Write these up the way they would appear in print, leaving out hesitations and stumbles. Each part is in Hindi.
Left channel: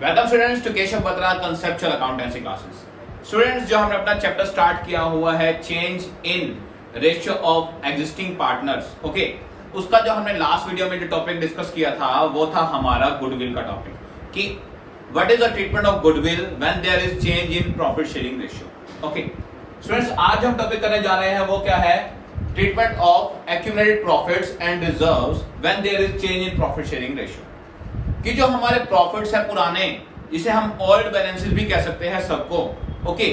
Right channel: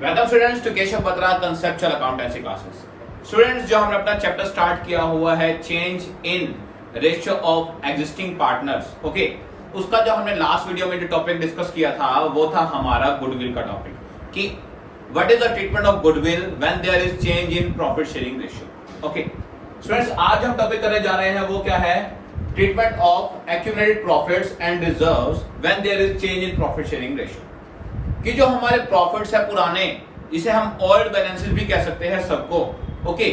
Welcome students to Keshav Batra conceptual accountancy classes. Students, जो हमने अपना चैप्टर स्टार्ट किया हुआ है change in ratio of existing partners, okay, उसका जो हमने लास्ट वीडियो में जो टॉपिक डिस्कस किया था वो था हमारा गुडविल का टॉपिक कि what is the treatment of goodwill when there is change in profit sharing ratio. Okay students, आज हम टॉपिक करने जा रहे हैं वो क्या है, treatment of accumulated profits and reserves when there is change in profit sharing ratio. कि जो हमारे प्रॉफिट्स है पुराने, जिसे हम ओल्ड बैलेंसेस भी कह सकते हैं सबको, ओके,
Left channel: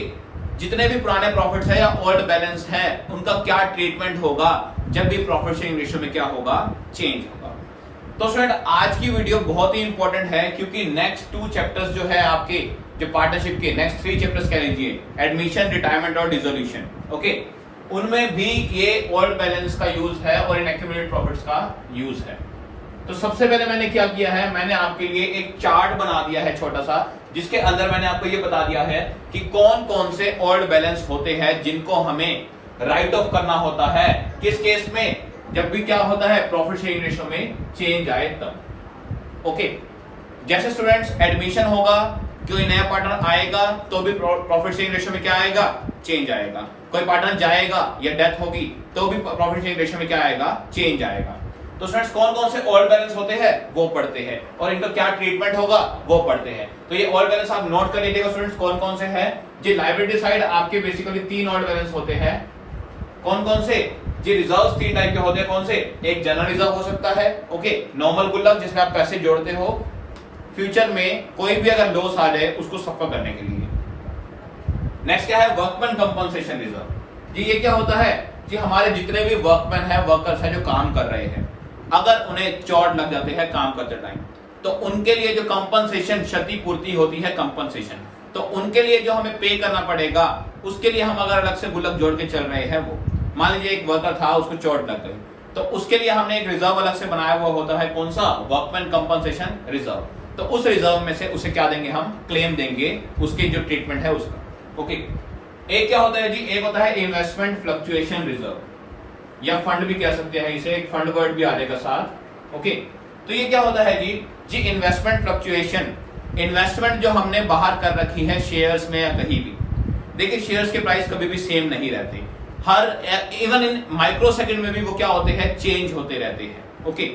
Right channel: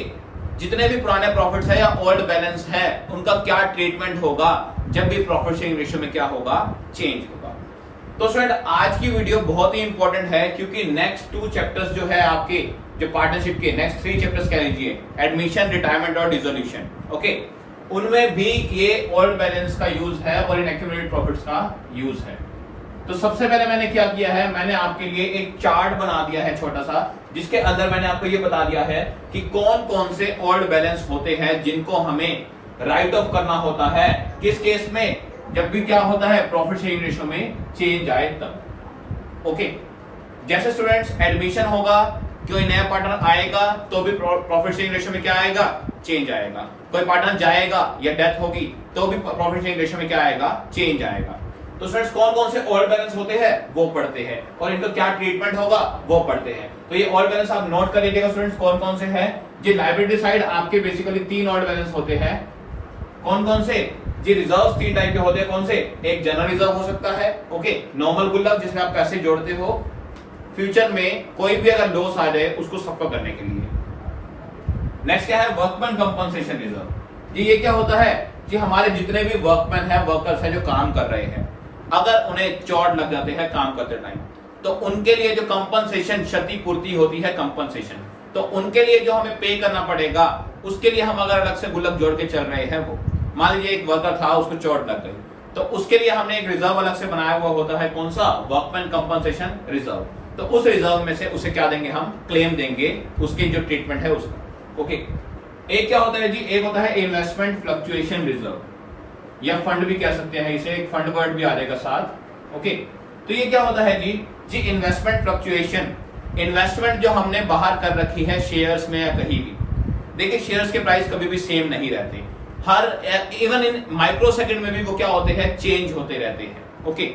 जितने भी पुराने प्रॉफिट्स है या ओल्ड बैलेंस है उनका क्या ट्रीटमेंट होगा जब भी प्रॉफिट शेयरिंग रेशियो में क्या होगा, चेंज होगा। तो स्टूडेंट, आज की वीडियो बहुत ही इंपॉर्टेंट है क्योंकि नेक्स्ट 2 चैप्टर्स जो है आपके जो पार्टनरशिप के नेक्स्ट 3 चैप्टर्स कह लीजिए, एडमिशन, रिटायरमेंट और डिसोल्यूशन, ओके, उनमें भी ये ओल्ड बैलेंस का यूज है और इन एक्यूमुलेटेड प्रॉफिट्स का यूज है। तो सबसे पहले मैंने क्या किया है, मैंने आपके लिए एक चार्ट बना दिया है छोटा सा, जिसके अंदर मैंने आपको ये बता दिया है कि कौन कौन से ओल्ड बैलेंस होते हैं जिनको हमें राइट ऑफ करना होता है किस केस में, जब भी क्या होता है प्रॉफिट शेयरिंग रेशियो में चेंज आए तब। ओके, जैसे स्टूडेंट्स एडमिशन होगा, कोई नया पार्टनर आएगा तो भी प्रॉफिट शेयरिंग रेशियो में क्या आएगा, चेंज आएगा। कोई पार्टनर जाएगा या डेथ होगी तो भी प्रॉफिट शेयरिंग रेशियो में क्या आएगा, चेंज आएगा। तो स्टूडेंट्स, कौन कौन से ओल्ड बैलेंस होते हैं वो पढ़ते हैं और इनका क्या ट्रीटमेंट होगा वो पढ़ते हैं। तो ये ओल्ड बैलेंस आप नोट कर लीजिएगा स्टूडेंट्स, कौन कौन से हैं। जी लायबिलिटी साइड आपके बेसिकली 3 ओल्ड बैलेंस होते हैं। कौन कौन से? जी रिजर्व्स 3 टाइप के होते हैं। कौन से? एक जनरल रिजर्व हो सकता है, ओके, नॉर्मल गुल्लक जिसमें आप पैसे जोड़ते हो फ्यूचर में कोई भी अगर लॉस आ जाए उसको सफर करने के लिए। नेक्स्ट क्या है, वर्कमैन कंपनसेशन रिजर्व। जी ये क्या होता है, जी हमारे जितने भी वर्कमैन है, वर्कर्स है जो काम कर रहे हैं, अगर उन्हें चोट लग जाते हैं काम करते टाइम तो उनके लिए जो कंपनसेशन, क्षतिपूर्ति होती है कंपनसेशन, तो उनके लिए जो हमें पे करना पड़ेगा उसके लिए हम अगर अलग से गुल्लक जोड़ के चल रहे हैं, वो मान लीजिए एक वर्कर था उसको चोट लग गई तो उसके लिए हमने एक रिजर्व अलग से बनाया हुआ होता है। कौन सा? Workman compensation reserve. तो उस रिजर्व में से उसे क्या देंगे, हम क्लेम देंगे उसके जो ट्रीटमेंट है उसका। ओके, एक क्या होता है जी, एक होता है इन्वेस्टमेंट फ्लक्चुएशन रिजर्व या फंड भी कह सकते हैं इसे, एक फंड वर्ड भी आ जाएगा साथ। ओके, तो ये क्या होता है जी इन्वेस्टमेंट फ्लक्चुएशन, इन्वेस्टमेंट जो हमने बाहर कर रखी है शेयर्स में या कहीं भी। देखिए शेयर्स के प्राइस कभी भी सेम नहीं रहते, her even in micro second में भी वो क्या होते हैं, चेंज होते रहते हैं। ओके,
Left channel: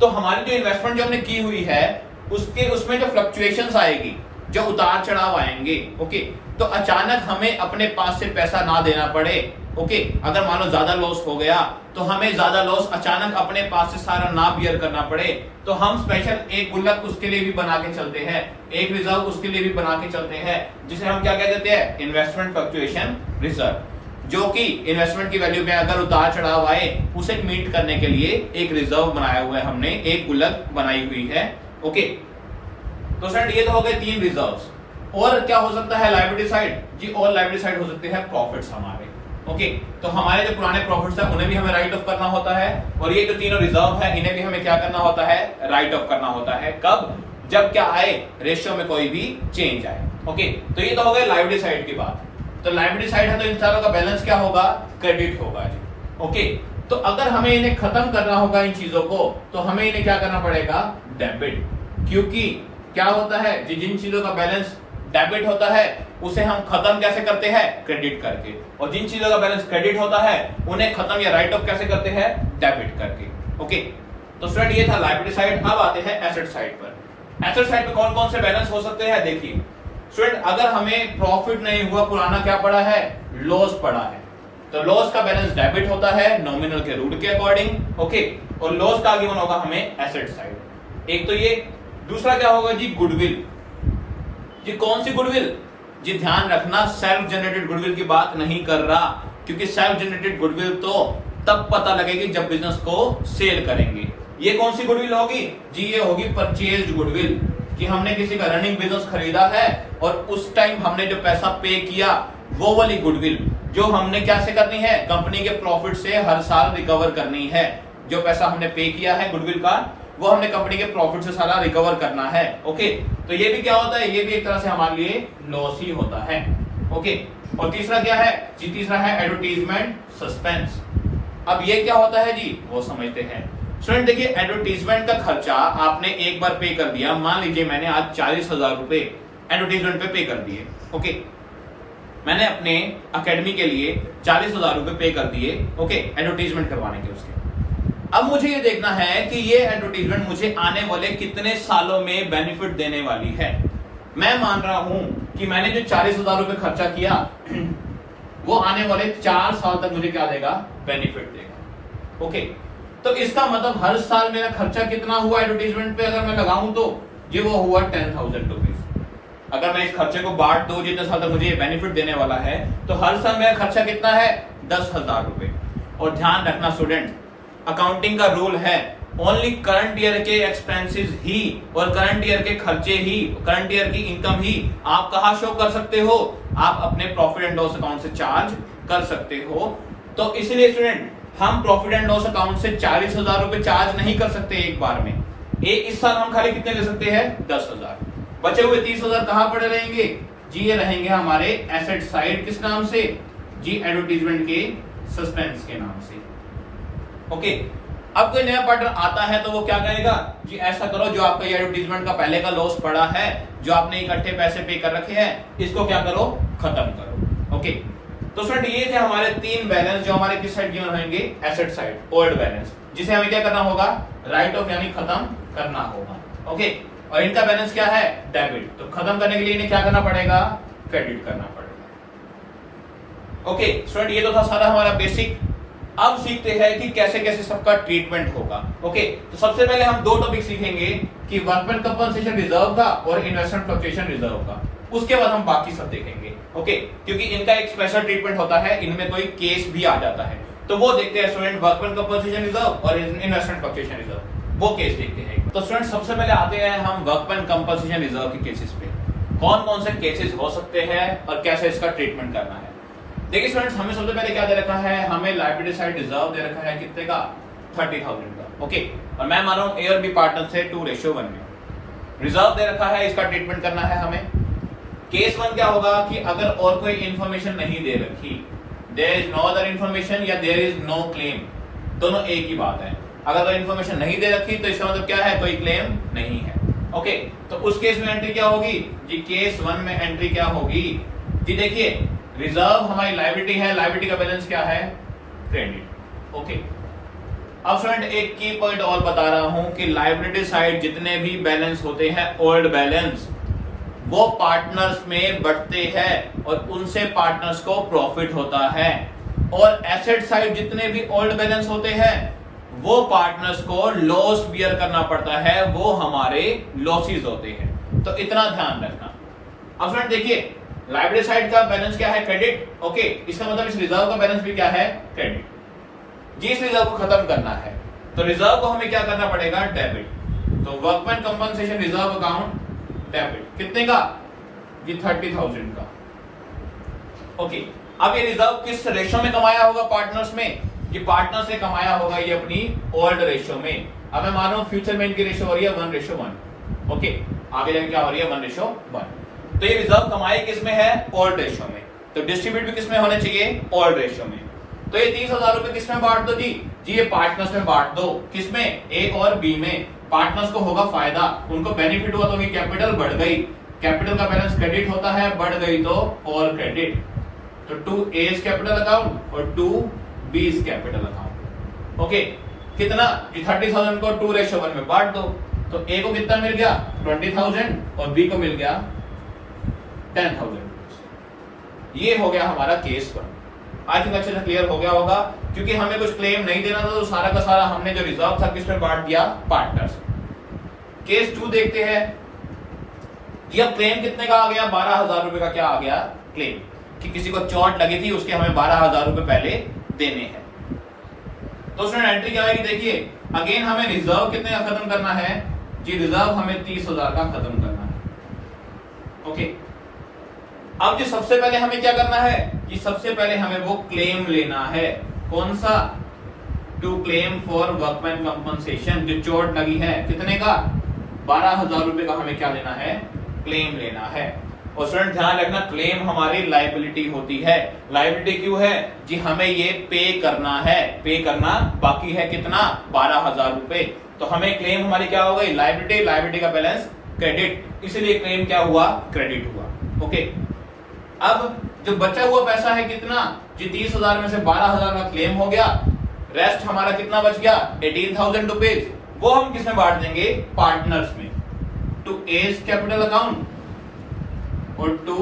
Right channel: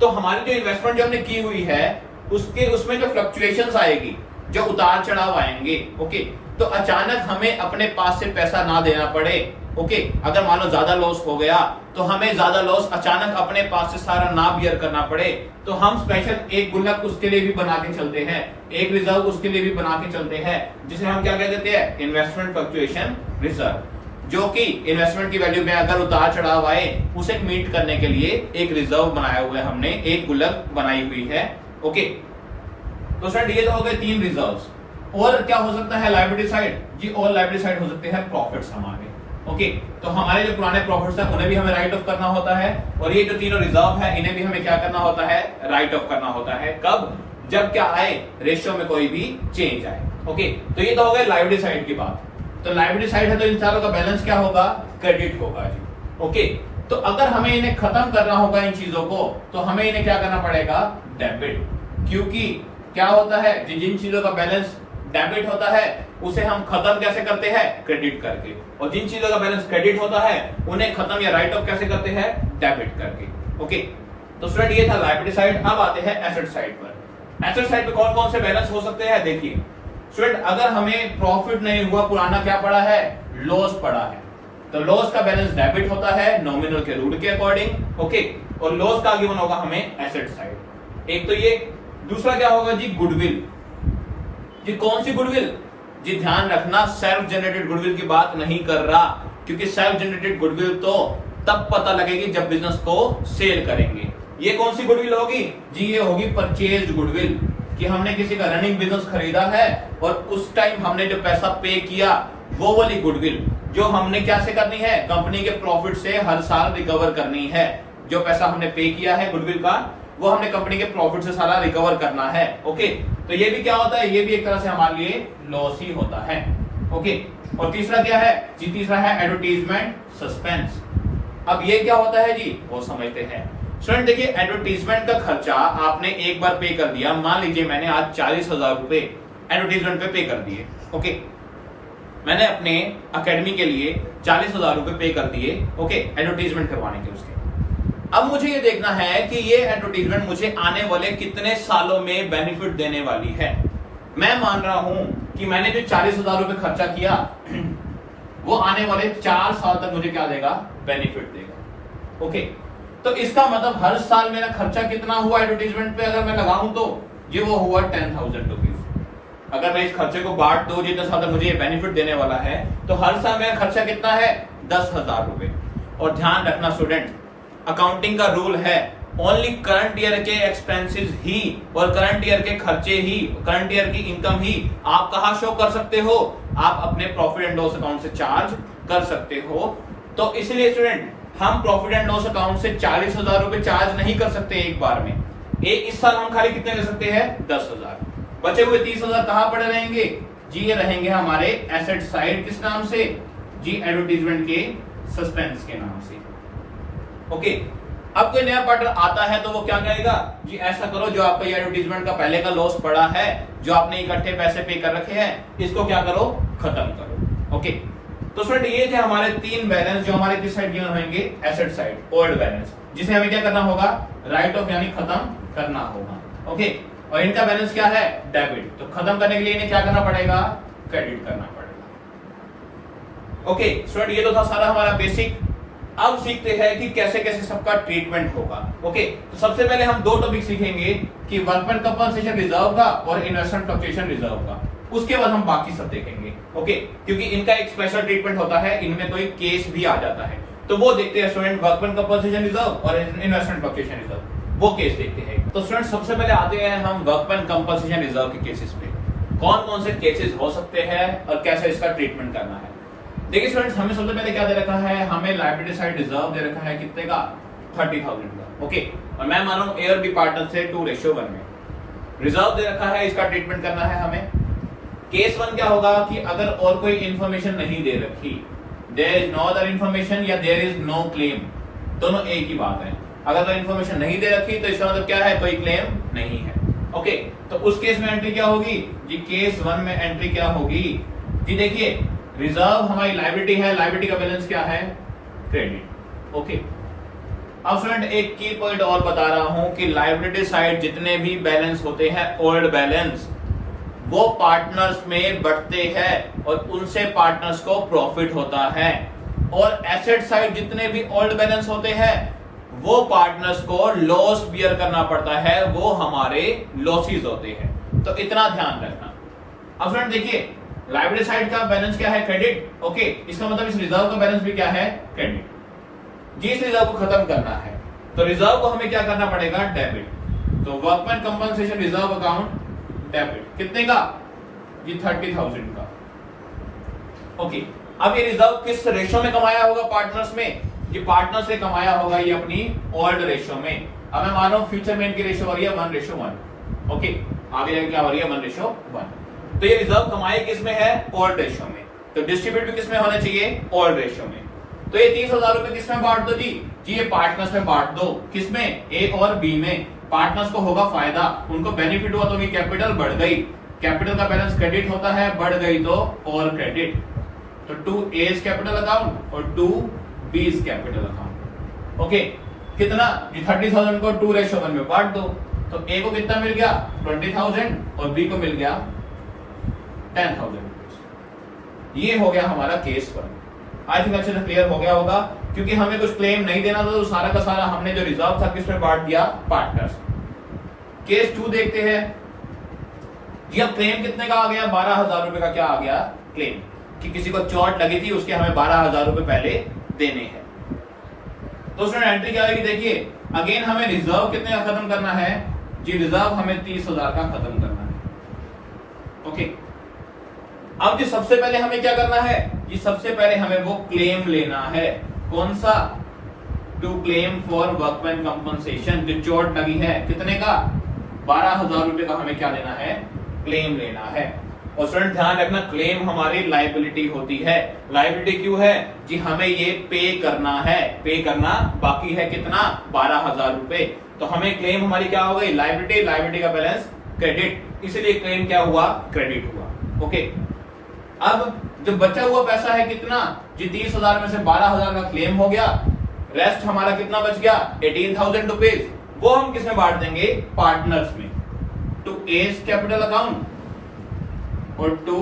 तो हमारी जो इन्वेस्टमेंट जो हमने की हुई है उसमें जो फ्लक्चुएशंस आएगी, जो उतार चढ़ाव आएंगे, ओके, तो अचानक हमें अपने पास से पैसा ना देना पड़े। ओके, अगर मान लो ज्यादा लॉस हो गया तो हमें ज्यादा लॉस अचानक अपने पास से सारा ना बियर करना पड़े, तो हम स्पेशल एक गुल्लक उसके लिए भी बना के चलते हैं, एक रिजर्व उसके लिए भी बना के चलते हैं, जिसे हम क्या कह देते हैं, इन्वेस्टमेंट फ्लक्चुएशन रिजर्व, जो कि इन्वेस्टमेंट की वैल्यू में अगर उतार चढ़ाव आए उसे मीट करने के लिए एक रिजर्व बनाया हुआ है हमने, एक गुल्लक बनाई हुई है। ओके, तो सर ये तो हो गए 3 रिजर्व्स। और क्या हो सकता है लायबिलिटी साइड, जी और लायबिलिटी साइड हो सकते हैं प्रॉफिट्स हमारे। ओके, तो हमारे जो पुराने प्रॉफिट्स है उन्हें भी हमें राइट ऑफ करना होता है और ये जो तीनों रिजर्व है इन्हें भी हमें क्या करना होता है, राइट ऑफ करना होता है। कब? जब क्या आए, रेशियो में कोई भी चेंज आए। ओके, तो ये तो हो गए लायबिलिटी साइड की बात। तो लायबिलिटी साइड है तो इन सारों का बैलेंस क्या होगा, क्रेडिट होगा जी। ओके, तो अगर हमें इन्हें खत्म करना होगा इन चीजों को तो हमें इन्हें क्या करना पड़ेगा, डेबिट, क्योंकि क्या होता है जी जिन चीजों का बैलेंस डेबिट होता है उसे हम खत्म कैसे करते हैं, क्रेडिट करके, और जिन चीजों का बैलेंस क्रेडिट होता है उन्हें खत्म या राइट ऑफ कैसे करते हैं, डेबिट करके। ओके, तो स्टूडेंट ये था लायबिलिटी साइड। अब आते हैं एसेट साइड पर। एसेट साइड पे कौन कौन से बैलेंस हो सकते हैं, देखिए स्टूडेंट, अगर हमें प्रॉफिट नहीं हुआ, पुराना क्या पड़ा है, लॉस पड़ा है, तो लॉस का बैलेंस डेबिट होता है नॉमिनल के रूल के अकॉर्डिंग। ओके, और लॉस का आगे बना होगा हमें एसेट साइड। एक तो ये, दूसरा क्या होगा जी, गुडविल। जी कौन सी गुडविल? जी ध्यान रखना, सेल्फ जनरेटेड गुडविल की बात नहीं कर रहा, क्योंकि सेल्फ जनरेटेड गुडविल तो तब पता लगेगी जब बिजनेस को सेल करेंगे। ये कौन सी गुडविल होगी जी, ये होगी परचेज्ड गुडविल, कि हमने किसी का रनिंग बिजनेस खरीदा है और उस टाइम हमने जो पैसा पे किया वो वाली गुडविल, जो हमने क्या से करनी है, कंपनी के प्रॉफिट से हर साल रिकवर करनी है। जो पैसा हमने पे किया है गुडविल का वो हमने कंपनी के प्रॉफिट से सारा रिकवर करना है। ओके, तो ये भी क्या होता है, ये भी एक तरह से हमारे लिए लॉस ही होता है। ओके, और तीसरा क्या है जी, तीसरा है एडवर्टीजमेंट सस्पेंस। अब ये क्या होता है जी, वो समझते हैं। स्टूडेंट देखिए, एडवर्टीजमेंट का खर्चा आपने एक बार पे कर दिया। मान लीजिए मैंने आज 40,000 रुपए एडवर्टीजमेंट पे कर दिए। ओके, मैंने अपने अकेडमी के लिए 40,000 रुपए पे कर दिए। ओके, एडवर्टीजमेंट करवाने के उसके। अब मुझे ये देखना है कि ये एडवर्टीजमेंट मुझे आने वाले कितने सालों में बेनिफिट देने वाली है। मैं मान रहा हूं कि मैंने जो 40,000 रुपए खर्चा किया वो आने वाले 4 साल तक मुझे क्या देगा, बेनिफिट देगा। ओके, तो इसका मतलब हर साल मेरा खर्चा कितना हुआ एडवर्टीजमेंट पे अगर मैं लगाऊं तो ये वो हुआ 10,000 रुपीज। अगर मैं इस खर्चे को बांट दूं जितने साल तक मुझे ये बेनिफिट देने वाला है, तो हर साल मेरा खर्चा कितना है, 10,000 रुपए। और ध्यान रखना स्टूडेंट, अकाउंटिंग का रूल है ओनली करंट ईयर के एक्सपेंसेस ही और करंट ईयर के खर्चे ही, करंट ईयर की इनकम ही आप कहां शो कर सकते हो, आप अपने प्रॉफिट एंड लॉस अकाउंट से चार्ज कर सकते हो। तो इसलिए स्टूडेंट हम प्रॉफिट एंड लॉस अकाउंट से 40,000 रुपए चार्ज नहीं कर सकते एक बार में। इस साल हम खाली कितने ले सकते हैं, 10,000। बचे हुए 30,000 कहां पड़े रहेंगे जी, ये रहेंगे हमारे एसेट साइड। किस नाम से जी, एडवर्टीजमेंट के सस्पेंस के नाम से। ओके, अब कोई नया पार्टनर आता है तो वो क्या कहेगा जी, ऐसा करो जो आपका ये एडवर्टीजमेंट का पहले का लॉस पड़ा है, जो आपने इकट्ठे पैसे पे कर रखे हैं, इसको क्या करो, खत्म करो। ओके, तो स्टूडेंट ये थे हमारे 3 बैलेंस जो हमारे किस साइड गिवन होंगे, एसेट साइड, ओल्ड बैलेंस, जिसे हमें क्या करना होगा, राइट ऑफ यानी खत्म करना होगा। ओके, और इनका बैलेंस क्या है, डेबिट। तो खत्म करने के लिए इन्हें क्या करना पड़ेगा, क्रेडिट करना पड़ेगा। ओके स्टूडेंट, ये तो था सारा हमारा बेसिक। अब सीखते हैं कि कैसे कैसे सबका ट्रीटमेंट होगा। ओके, तो सबसे पहले हम 2 टॉपिक सीखेंगे कि वर्कमैन कंपनसेशन रिजर्व का और इन्वेस्टमेंट फ्लक्चुएशन रिजर्व का। उसके बाद हम बाकी सब देखेंगे। ओके, क्योंकि इनका एक स्पेशल ट्रीटमेंट होता है, इनमें कोई केस भी आ जाता है, तो वो देखते हैं स्टूडेंट, वर्कमैन कंपनसेशन रिजर्व और इन्वेस्टमेंट फ्लक्चुएशन रिजर्व, वो केस देखते हैं। तो स्टूडेंट सबसे पहले आते हैं हम वर्कमैन कंपनसेशन रिजर्व के केसेस पे। कौन कौन से केसेस हो सकते हैं और कैसे इसका ट्रीटमेंट करना है। देखिए स्टूडेंट्स, हमें सबसे पहले क्या दे रखा है, हमें लायबिलिटी साइड रिजर्व दे रखा है कितने का, 30,000 का। ओके, और मैं मान रहा हूं ए और बी पार्टनर से 2:1 में रिजर्व दे रखा है, इसका ट्रीटमेंट करना है हमें। केस 1 क्या होगा कि अगर और कोई इंफॉर्मेशन नहीं दे रखी, there is no other information या देयर इज नो क्लेम, दोनों एक ही बात है। अगर कोई इंफॉर्मेशन नहीं दे रखी तो इसका मतलब क्या है, कोई क्लेम नहीं है। ओके, तो उस केस में एंट्री क्या होगी जी, केस 1 में एंट्री क्या होगी जी, देखिए रिजर्व हमारी लायबिलिटी है, लायबिलिटी का बैलेंस क्या है, क्रेडिट। ओके, अब स्टूडेंट एक की पॉइंट और बता रहा हूं कि लायबिलिटी साइड जितने भी बैलेंस होते हैं, ओल्ड बैलेंस, वो पार्टनर्स में बढ़ते हैं और उनसे पार्टनर्स को प्रॉफिट होता है। और एसेट साइड जितने भी ओल्ड बैलेंस होते हैं वो पार्टनर्स को लॉस बियर करना पड़ता है, वो हमारे लॉसेस होते हैं। तो इतना ध्यान रखना। अब फ्रेंड देखिए, लायबिलिटी साइड का बैलेंस क्या है, क्रेडिट। ओके, इसका मतलब इस रिजर्व का बैलेंस भी क्या है, क्रेडिट। जी, इस रिजर्व को खत्म करना है तो रिजर्व को हमें क्या करना पड़ेगा, डेबिट। तो workman compensation reserve account debit, कितने का जी, 30,000 का। ओके, अब ये रिजर्व किस रेशो में कमाया होगा पार्टनर्स में, ये पार्टनर से कमाया होगा ये अपनी ओल्ड रेशो में। अब मैं मान रहा हूं फ्यूचर में इनकी रेशो हो रही है 1:1। ओके, आगे जाके क्या हो रही है, 1:1। तो ये रिजर्व कमाई किस में है, ओल्ड रेशो में। तो डिस्ट्रीब्यूट भी किस में होना चाहिए, ओल्ड रेशो में। तो ये 30,000 रुपए किस में बांट दो जी, ये पार्टनर्स में बांट दो, किस में, ए और बी में। पार्टनर्स को होगा फायदा, उनको बेनिफिट हुआ तो उनकी कैपिटल बढ़ गई, कैपिटल का बैलेंस क्रेडिट होता है, बढ़ गई तो और क्रेडिट। तो 2A's कैपिटल अकाउंट और 2B's कैपिटल अकाउंट। ओके, कितना, 30,000 को 2:1 में बांट दो, तो A को कितना मिल गया, 20,000 और B को मिल गया 10,000। ये हो गया हमारा केस 1। आई थिंक अच्छे से क्लियर हो गया होगा, क्योंकि हमें कुछ क्लेम नहीं देना था तो सारा का सारा हमने जो रिजर्व था किस में बांट दिया, पार्टनर्स। केस 2 देखते हैं जी। अब क्लेम कितने का आ गया, 12,000 रुपए का क्या आ गया, क्लेम कि किसी को चोट लगी थी, उसके हमें 12,000 रुपए पहले देने हैं। तो उसमें एंट्री क्या आएगी, देखिए अगेन हमें रिजर्व कितने का खत्म करना है जी, रिजर्व हमें 30,000 का खत्म करना है। ओके, अब जो सबसे पहले हमें क्या करना है कि सबसे पहले हमें वो क्लेम लेना है, कौन सा, to claim for workman compensation, जो चोट लगी है, कितने का, 12,000 रुपए का हमें क्या लेना है, क्लेम लेना है। और स्टूडेंट ध्यान रखना, क्लेम हमारी लायबिलिटी होती है। लायबिलिटी क्यों है जी, हमें ये पे करना है, पे करना बाकी है कितना, 12,000 रुपए। तो हमें क्लेम हमारी क्या हो गई, लायबिलिटी, लायबिलिटी का बैलेंस क्रेडिट, इसलिए क्लेम क्या हुआ, क्रेडिट हुआ। ओके, अब जो बचा हुआ पैसा है कितना जी, 30,000 में से 12,000 का क्लेम हो गया, रेस्ट हमारा कितना बच गया, 18,000 रुपीज। वो हम किसमें बांट देंगे, पार्टनर्स में, टू एज कैपिटल अकाउंट और टू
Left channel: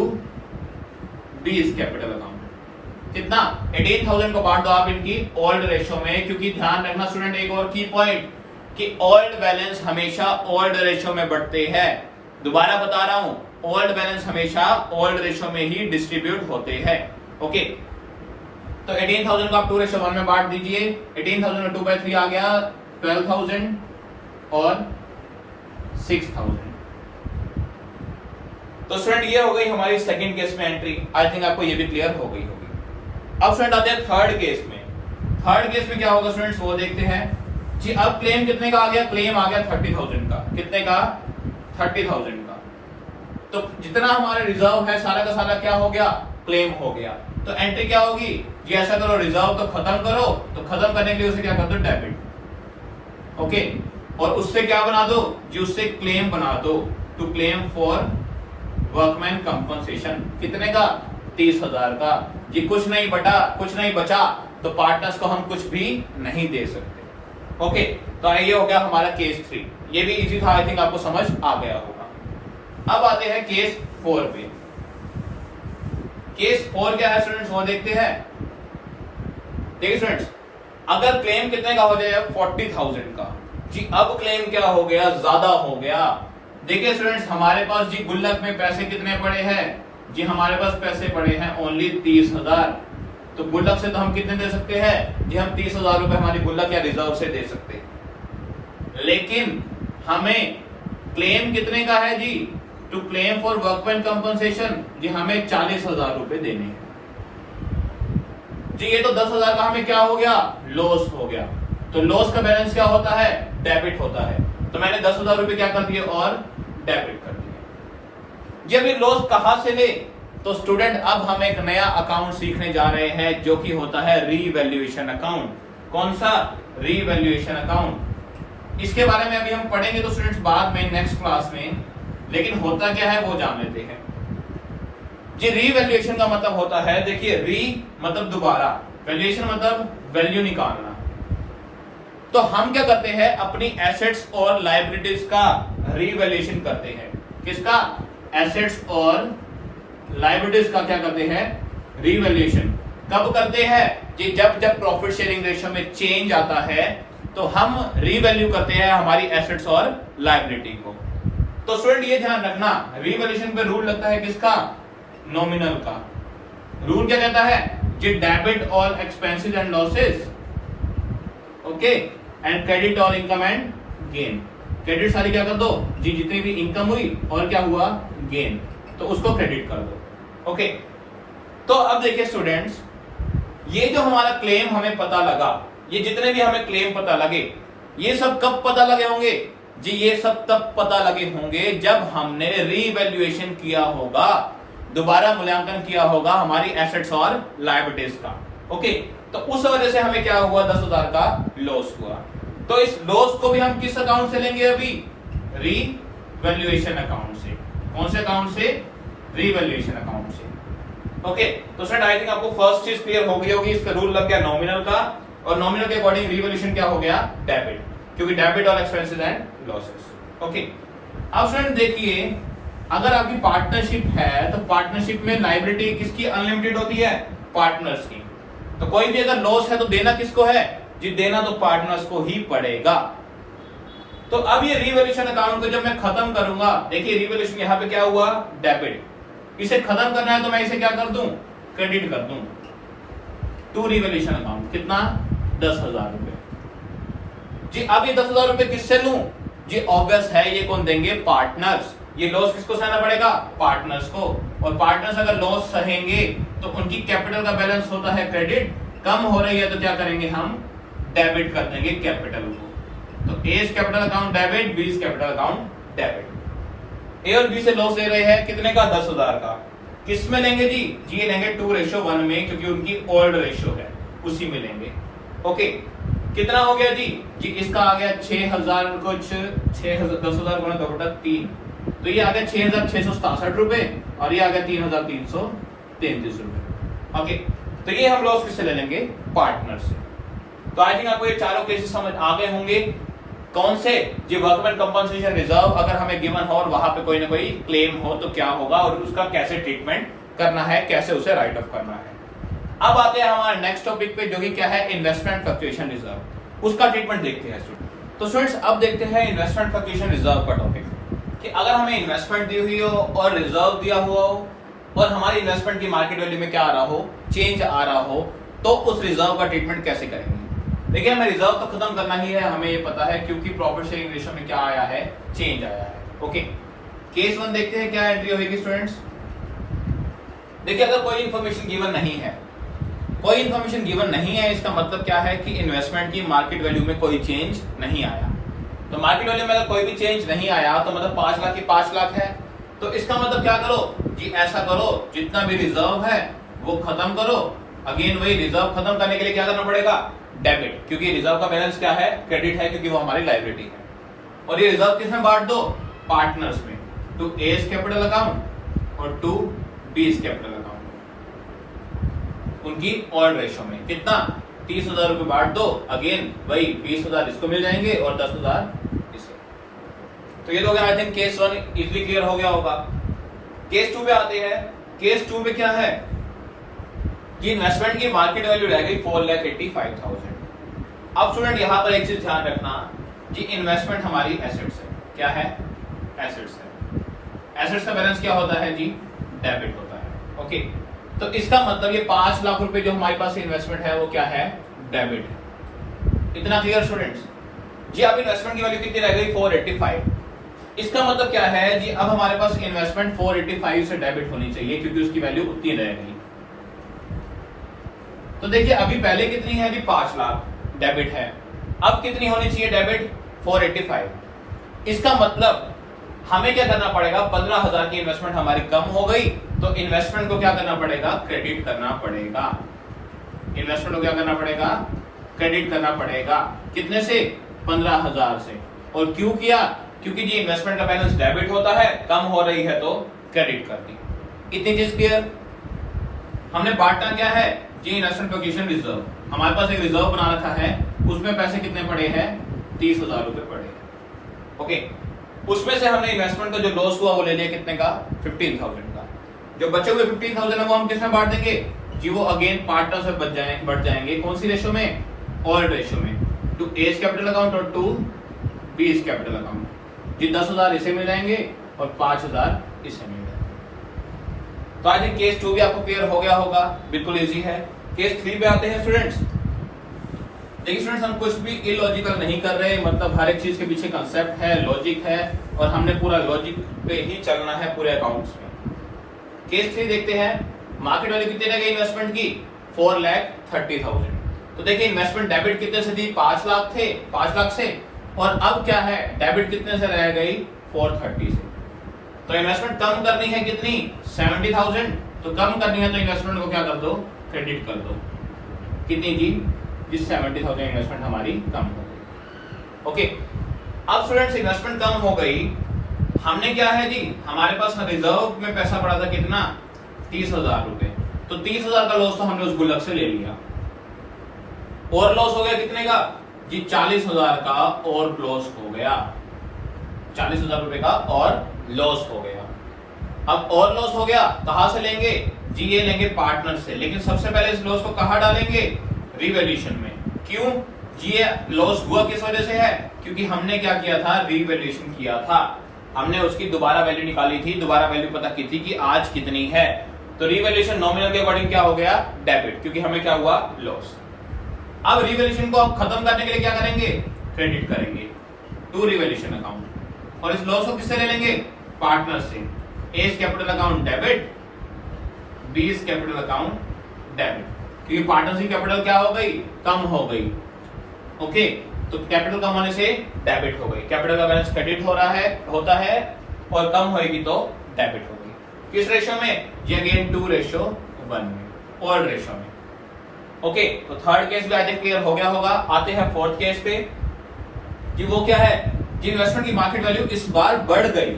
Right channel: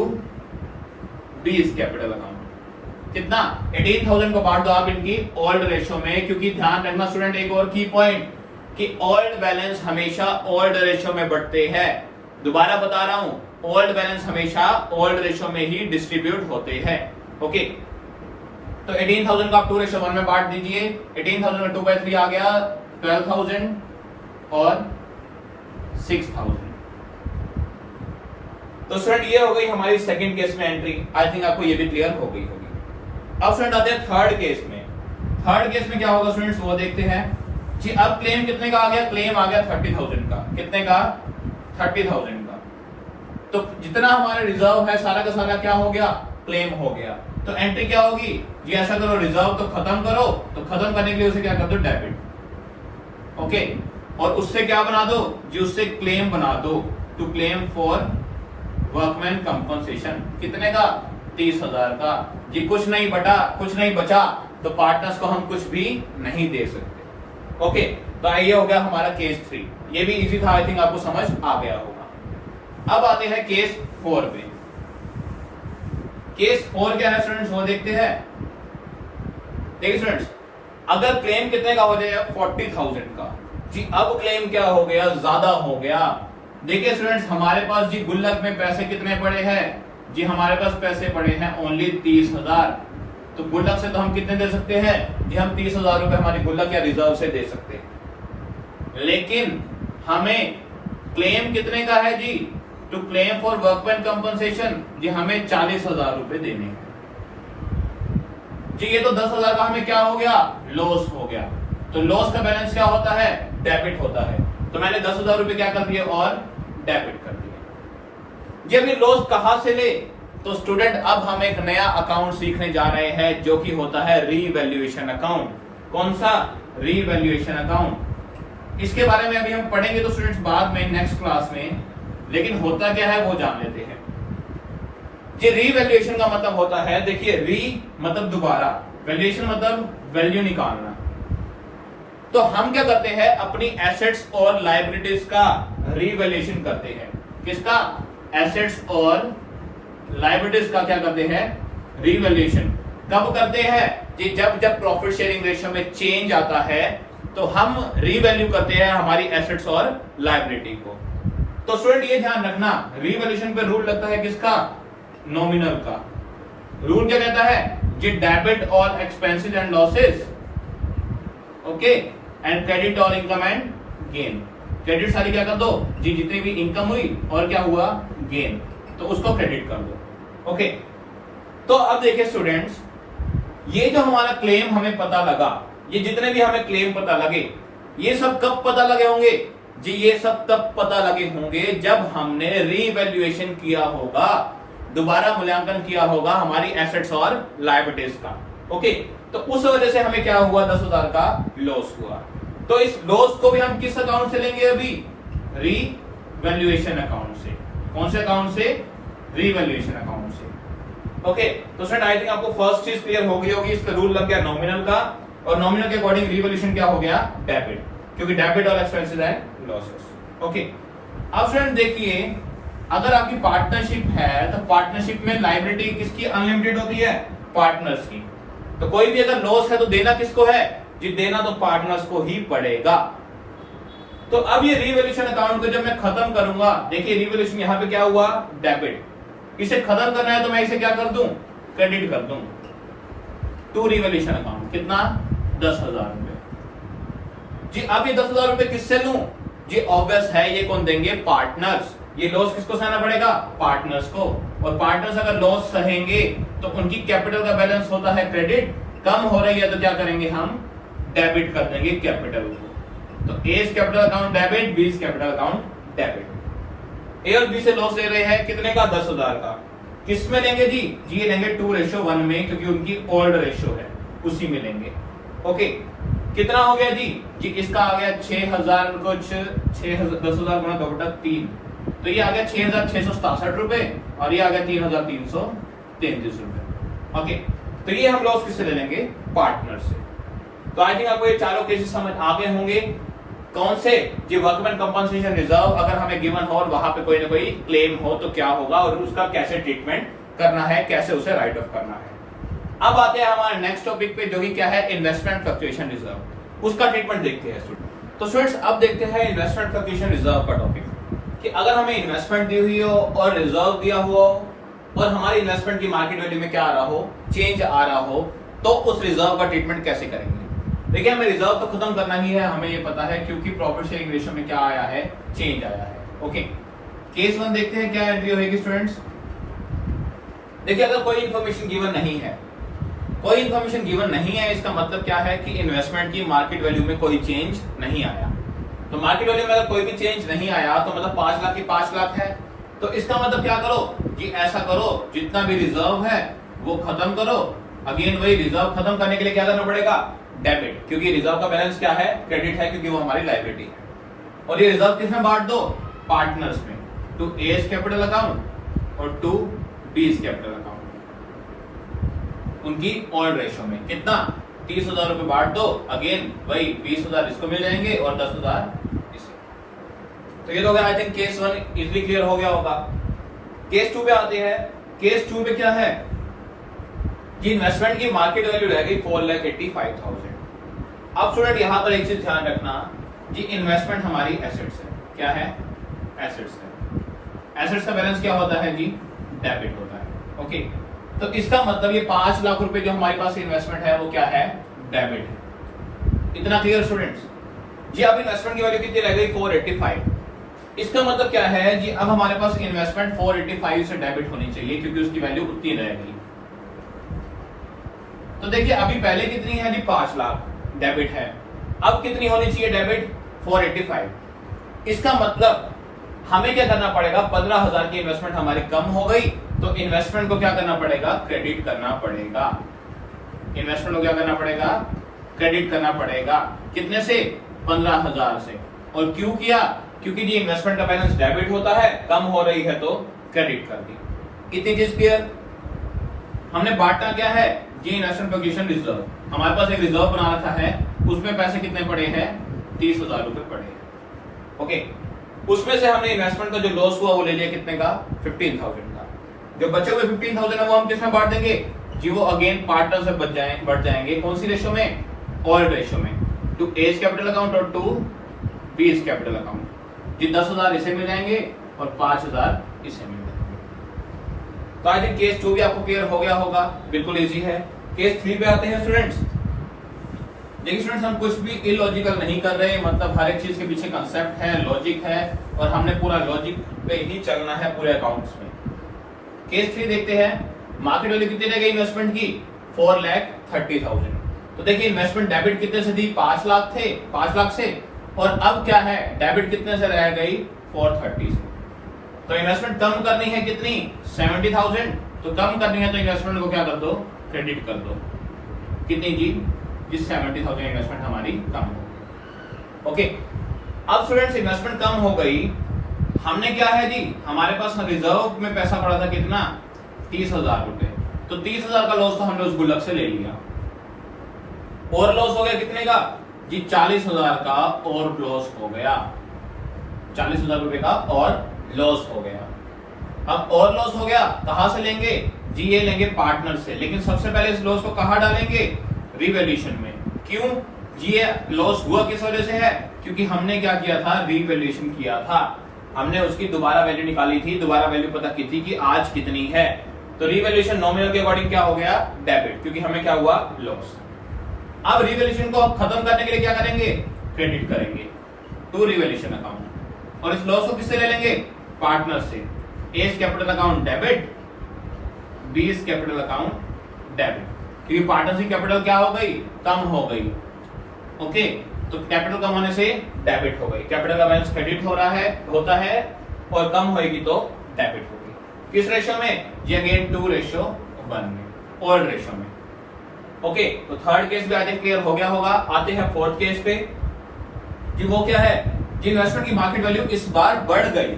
बीज कैपिटल अकाउंट। कितना, 18,000 को बांट दो आप इनकी ओल्ड रेशो में, क्योंकि ध्यान रखना स्टूडेंट एक और की पॉइंट कि ओल्ड बैलेंस हमेशा ओल्ड रेशो में बढ़ते हैं। दोबारा बता रहा हूं, ओल्ड बैलेंस हमेशा ओल्ड रेशो में ही डिस्ट्रीब्यूट होते हैं। ओके, तो 18,000 का आप 2:1 में बांट दीजिए। 18,000 में 2/3 आ गया, 12,000 और 6,000। तो स्टूडेंट ये हो गई हमारी सेकंड केस में एंट्री। आई थिंक आपको ये भी क्लियर हो गई होगी। अब स्टूडेंट आते हैं थर्ड केस में। थर्ड केस में क्या होगा स्टूडेंट्स, वो देखते हैं जी। अब क्लेम कितने का आ गया, क्लेम आ गया 30,000 का। कितने का, 30,000 का। तो जितना हमारा रिजर्व है सारा का सारा क्या हो गया, क्लेम हो गया। तो एंट्री क्या होगी जी, ऐसा करो, रिजर्व तो खत्म करो, तो खत्म करने के लिए उसे क्या कर दो, डेबिट। ओके, और उससे क्या बना दो जी, उससे क्लेम बना दो, to claim for workman compensation. कितने का, 30,000 का जी। कुछ नहीं बचा तो पार्टनर्स को हम कुछ भी नहीं दे सकते। ओके, तो ये हो गया हमारा केस 3। ये भी इजी था, आई थिंक आपको समझ आ गया होगा। अब आते हैं केस 4 पे। केस 4 क्या है स्टूडेंट्स, वो देखते हैं। देखिए स्टूडेंट्स, अगर क्लेम कितने का हो जाएगा, 40,000 का जी। अब क्लेम क्या हो गया, ज्यादा हो गया। देखिए स्टूडेंट्स, हमारे पास जी गुल्लक में पैसे कितने पड़े हैं जी, हमारे पास पैसे पड़े हैं ओनली 30,000। तो गुल्लक से तो हम कितने दे सकते हैं जी, हम 30,000 रुपए हमारी गुल्लक या रिजर्व से दे सकते हैं। लेकिन हमें क्लेम कितने का है जी, to claim for workman compensation जी, हमें 40,000 रुपए देने हैं जी। ये तो 10,000 का हमें क्या हो गया, लॉस हो गया। तो लॉस का बैलेंस क्या होता है, डेबिट होता है। तो मैंने 10,000 रुपए क्या कर दिए, और डेबिट कर दिया। जब ये लॉस कहां से ले, तो स्टूडेंट अब हम एक नया अकाउंट सीखने जा रहे हैं जो कि होता है रीवैल्यूएशन अकाउंट। कौन सा, रीवैल्यूएशन अकाउंट। इसके बारे में अभी हम पढ़ेंगे तो स्टूडेंट्स बाद में नेक्स्ट क्लास में, लेकिन होता क्या है वो जान लेते हैं जी। रीवैल्यूएशन का मतलब होता है, देखिए री मतलब दोबारा, वैल्यूएशन मतलब वैल्यू निकालना। तो हम क्या करते हैं, अपनी एसेट्स और लायबिलिटीज का रीवैल्यूएशन करते हैं। किसका, एसेट्स और लायबिलिटीज का क्या करते हैं, रीवैल्यूएशन। कब करते हैं जी, जब प्रॉफिट शेयरिंग रेशियो में चेंज आता है तो हम रीवैल्यू करते हैं हमारी एसेट्स और लायबिलिटी को। तो स्टूडेंट ये ध्यान रखना, रीवैल्यूएशन पे रूल लगता है किसका, नॉमिनल का। रूल क्या कहता है जी, debit all expenses and losses, okay, and credit all income and gain. Credit सारी क्या कर दो जी, जितनी भी इनकम हुई और क्या हुआ, गेन, तो उसको क्रेडिट कर दो। ओके, तो अब देखिए स्टूडेंट्स, ये जो हमारा क्लेम हमें पता लगा, ये जितने भी हमें क्लेम पता लगे, ये सब कब पता लगे होंगे जी, ये सब तब पता लगे होंगे जब हमने रीवैल्यूएशन किया होगा, दोबारा मूल्यांकन किया होगा हमारी एसेट्स और लायबिलिटीज का। ओके, तो उस वजह से हमें क्या हुआ, 10,000 का लॉस हुआ। तो इस लॉस को भी हम किस अकाउंट से लेंगे, अभी रीवैल्यूएशन अकाउंट से। कौन से अकाउंट से, रीवैल्यूएशन अकाउंट से। ओके, तो स्टूडेंट आई थिंक आपको फर्स्ट चीज क्लियर हो गई होगी, इसका रूल लग गया नॉमिनल का, और नॉमिनल के अकॉर्डिंग रीवैल्यूएशन क्या हो गया, डेबिट, क्योंकि debit all expenses and losses. Okay, अब स्टूडेंट देखिए, अगर आपकी पार्टनरशिप है तो पार्टनरशिप में लायबिलिटी किसकी अनलिमिटेड होती है, पार्टनर्स की। तो कोई भी अगर लॉस है तो देना किसको है जी, देना तो पार्टनर्स को ही पड़ेगा। तो अब ये रीवैल्यूएशन अकाउंट को जब मैं खत्म करूंगा, देखिए रीवैल्यूएशन यहाँ पे क्या हुआ, डेबिट। इसे खत्म करना है तो मैं इसे क्या कर दूं, क्रेडिट कर दूं टू रीवैल्यूएशन अकाउंट। कितना, 10,000 रुपए जी। अब ये 10,000 रुपए किससे लूं जी, ऑब्वियस है ये कौन देंगे, पार्टनर्स। ये लॉस किसको सहना पड़ेगा, पार्टनर्स को। और पार्टनर्स अगर लॉस सहेंगे तो उनकी कैपिटल का बैलेंस होता है क्रेडिट, कम हो रही है तो क्या करेंगे, हम डेबिट कर देंगे कैपिटल को। तो as capital account debit, B's capital account debit. A और बी से लॉस ले रहे हैं कितने का, 10,000 का। किस में लेंगे जी, ये लेंगे 2:1 में, क्योंकि उनकी ओल्ड रेशियो है, उसी में लेंगे। ओके, कितना हो गया जी इसका आ गया 6,000 कुछ, 6,000 10,000 गुणा 2/3, तो ये आ गया 6,667 रुपए और ये आ गया 3,333 रुपए। ओके, तो ये हम लॉस किससे ले लेंगे, पार्टनर से। तो आई थिंक आपको ये चारों केसेस समझ आ गए होंगे। कौन से, जी वर्कमैन कंपनसेशन रिजर्व अगर हमें गिवन हो और वहां पे कोई ना कोई क्लेम हो तो क्या होगा और उसका कैसे ट्रीटमेंट करना है, कैसे उसे राइट ऑफ करना है। अब आते हैं हमारे नेक्स्ट टॉपिक पे, जो कि क्या है, इन्वेस्टमेंट फ्लक्चुएशन रिजर्व। उसका ट्रीटमेंट देखते हैं स्टूडेंट। तो स्टूडेंट्स अब देखते हैं इन्वेस्टमेंट फ्लक्चुएशन रिजर्व का टॉपिक, कि अगर हमें इन्वेस्टमेंट दी हुई हो और रिजर्व दिया हुआ हो और हमारी इन्वेस्टमेंट की मार्केट वैल्यू में क्या आ रहा हो, चेंज आ रहा हो, तो उस रिजर्व का ट्रीटमेंट कैसे करेंगे। देखिए, हमें रिजर्व तो खत्म करना ही है, हमें ये पता है, क्योंकि प्रॉफिट शेयरिंग रेशियो में क्या आया है, चेंज आया है। ओके, केस 1 देखते हैं क्या एंट्री होगी स्टूडेंट्स। देखिए, अगर कोई इंफॉर्मेशन गिवन नहीं है, कोई इंफॉर्मेशन गिवन नहीं है, इसका मतलब क्या है कि इन्वेस्टमेंट की मार्केट वैल्यू में कोई चेंज नहीं आया। तो मार्केट वैल्यू में अगर कोई भी चेंज नहीं आया तो मतलब 5 लाख की 5 लाख है। तो इसका मतलब क्या करो जी, ऐसा करो, जितना भी रिजर्व है वो खत्म करो। अगेन वही, रिजर्व खत्म करने के लिए क्या करना पड़ेगा, डेबिट, क्योंकि रिजर्व का बैलेंस क्या है, क्रेडिट है, क्योंकि वो हमारी लायबिलिटी है। और ये रिजर्व किसमें बांट दो, पार्टनर्स में, टू एज कैपिटल अकाउंट और टू बीज कैपिटल अकाउंट, उनकी ओल्ड रेशियो में। कितना, 30,000 रुपए बांट दो। अगेन वही 20,000 इसको मिल जाएंगे और 10,000 इसे। तो ये तो हो गया, I think case 1 easily clear हो गया होगा। केस 2 पे आते हैं। केस 2 में क्या है जी, इन्वेस्टमेंट की मार्केट वैल्यू रह गई 4,85,000। अब स्टूडेंट यहां पर एक चीज ध्यान रखना जी, इन्वेस्टमेंट हमारी एसेट्स है। क्या है, एसेट्स है। एसेट्स का बैलेंस क्या होता है जी, डेबिट होता है। ओके, तो इसका मतलब ये 5 लाख रुपए जो हमारे पास इन्वेस्टमेंट है वो क्या है, डेबिट है। इतना क्लियर स्टूडेंट्स जी। अब इन्वेस्टमेंट की वैल्यू कितनी रह गई, 485। इसका मतलब क्या है जी, अब हमारे पास इन्वेस्टमेंट 485 से डेबिट होनी चाहिए, क्योंकि उसकी वैल्यू उतनी रहेगी। तो देखिए, अभी पहले कितनी है जी, 5 लाख डेबिट है। अब कितनी होनी चाहिए डेबिट, 485। इसका मतलब हमें क्या करना पड़ेगा, 15,000 की इन्वेस्टमेंट हमारी कम हो गई, तो इन्वेस्टमेंट को क्या करना पड़ेगा, क्रेडिट करना पड़ेगा। इन्वेस्टमेंट को क्या करना पड़ेगा, क्रेडिट करना पड़ेगा। कितने से, 15,000 से। और क्यों किया, क्योंकि जी इन्वेस्टमेंट का बैलेंस डेबिट होता है, कम हो रही है तो क्रेडिट कर दी। इतनी चीज क्लियर। हमने बांटना क्या है जी, इन्वेस्टमेंट फ्लक्चुएशन रिजर्व। हमारे पास एक रिजर्व बना रखा है, उसमें पैसे कितने पड़े हैं, 30,000 रुपए पड़े हैं। ओके, उसमें से हमने इन्वेस्टमेंट का जो लॉस हुआ वो ले लिया कितने का, 15,000 का। जो बचे हुए 15,000 है वो हम किसमें बांट देंगे जी, वो अगेन पार्टनर से बढ़ जाएंगे। कौन सी रेशियो में, ओल्ड रेशियो में, टू एज कैपिटल अकाउंट और टू बीज कैपिटल अकाउंट। जी 10,000 इसे मिल जाएंगे और 5,000 इसे मिल जाएंगे। तो आई थिंक केस 2 भी आपको क्लियर हो गया होगा, बिल्कुल इजी है। केस 3 पे आते हैं स्टूडेंट्स। देखिए स्टूडेंट्स, हम कुछ भी इलॉजिकल नहीं कर रहे, मतलब हर एक चीज के पीछे कंसेप्ट है, लॉजिक है, और हमने पूरा लॉजिक पे ही चलना है पूरे अकाउंट्स में। केस 3 देखते हैं। मार्केट वैल्यू कितने रह गई इन्वेस्टमेंट की, 4,30,000। तो देखिए इन्वेस्टमेंट डेबिट कितने से थी, 5 लाख थे, 5 लाख से, और अब क्या है, डेबिट कितने से रह गई, 430 से। तो इन्वेस्टमेंट कम करनी है कितनी, 70,000। तो कम करनी है तो इन्वेस्टमेंट को क्या कर दो, क्रेडिट कर दो। कितनी जी, जिस 70,000 इन्वेस्टमेंट हमारी कम हो गई। ओके, अब स्टूडेंट्स इन्वेस्टमेंट कम हो गई, हमने क्या है जी, हमारे पास रिजर्व में पैसा पड़ा था कितना, 30,000 रुपए। तो 30,000 का लॉस तो हमने उस गुल्लक से ले लिया, और लॉस हो गया कितने का जी, 40,000 का और लॉस हो गया, 40,000 रुपए का और लॉस हो गया। अब और लॉस हो गया, कहां से लेंगे जी, ये लेंगे पार्टनर से। लेकिन सबसे पहले इस लॉस को कहां डालेंगे, रीवैल्यूएशन में। क्यों जी, ये लॉस हुआ किस वजह से है, क्योंकि हमने क्या किया था, रीवैल्यूएशन किया था, हमने उसकी दोबारा वैल्यू निकाली थी, दोबारा वैल्यू पता की थी कि आज कितनी है। तो रीवैल्यूएशन नॉमिनल के अकॉर्डिंग क्या हो गया, डेबिट, क्योंकि हमें क्या हुआ, लॉस। अब रीवैल्यूएशन को आप खत्म करने के लिए क्या करेंगे, क्रेडिट करेंगे टू रीवैल्यूएशन अकाउंट। और इस लॉस को किससे ले लेंगे, पार्टनर से। A's capital account debit, B's capital account debit, क्योंकि पार्टनरशिप कैपिटल क्या हो गई, कम हो गई। ओके, तो कैपिटल कम होने से डेबिट हो गई, कैपिटल का बैलेंस क्रेडिट हो रहा है, होता है, और कम होगी तो डेबिट होगी। किस रेशियो में? जी अगेन 2:1 में, ओल्ड रेशियो में। ओके, तो थर्ड केस भी आई थिंक क्लियर हो गया होगा। आते हैं फोर्थ केस पे कि वो क्या है कि इन्वेस्टमेंट की मार्केट वैल्यू इस बार बढ़ गई।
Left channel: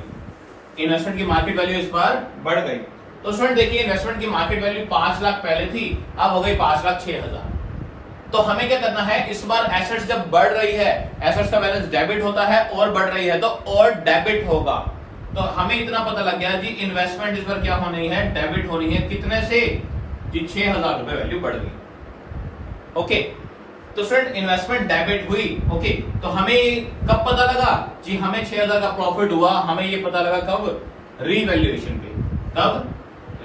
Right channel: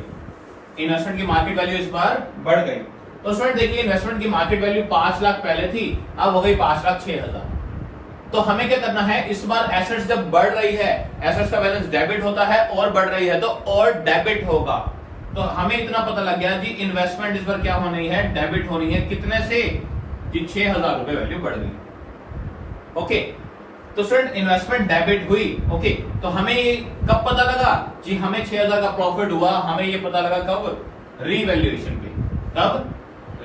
इन्वेस्टमेंट की मार्केट वैल्यू इस बार बढ़ गई। तो स्टूडेंट देखिए, इन्वेस्टमेंट की मार्केट वैल्यू 5 लाख पहले थी, अब हो गई 5,06,000। तो हमें क्या करना है, इस बार एसेट्स जब बढ़ रही है, एसेट्स का बैलेंस डेबिट होता है और बढ़ रही है तो और डेबिट होगा। तो हमें इतना पता लग गया जी इन्वेस्टमेंट इस बार क्या होनी है, डेबिट होनी है। कितने से? जी 6,000 रुपए वैल्यू बढ़ गई। ओके, तो स्टूडेंट इन्वेस्टमेंट डेबिट हुई। ओके, तो हमें कब पता लगा जी हमें 6,000 का प्रॉफिट हुआ? हमें ये पता लगा कब? रीवैल्यूएशन पे। कब?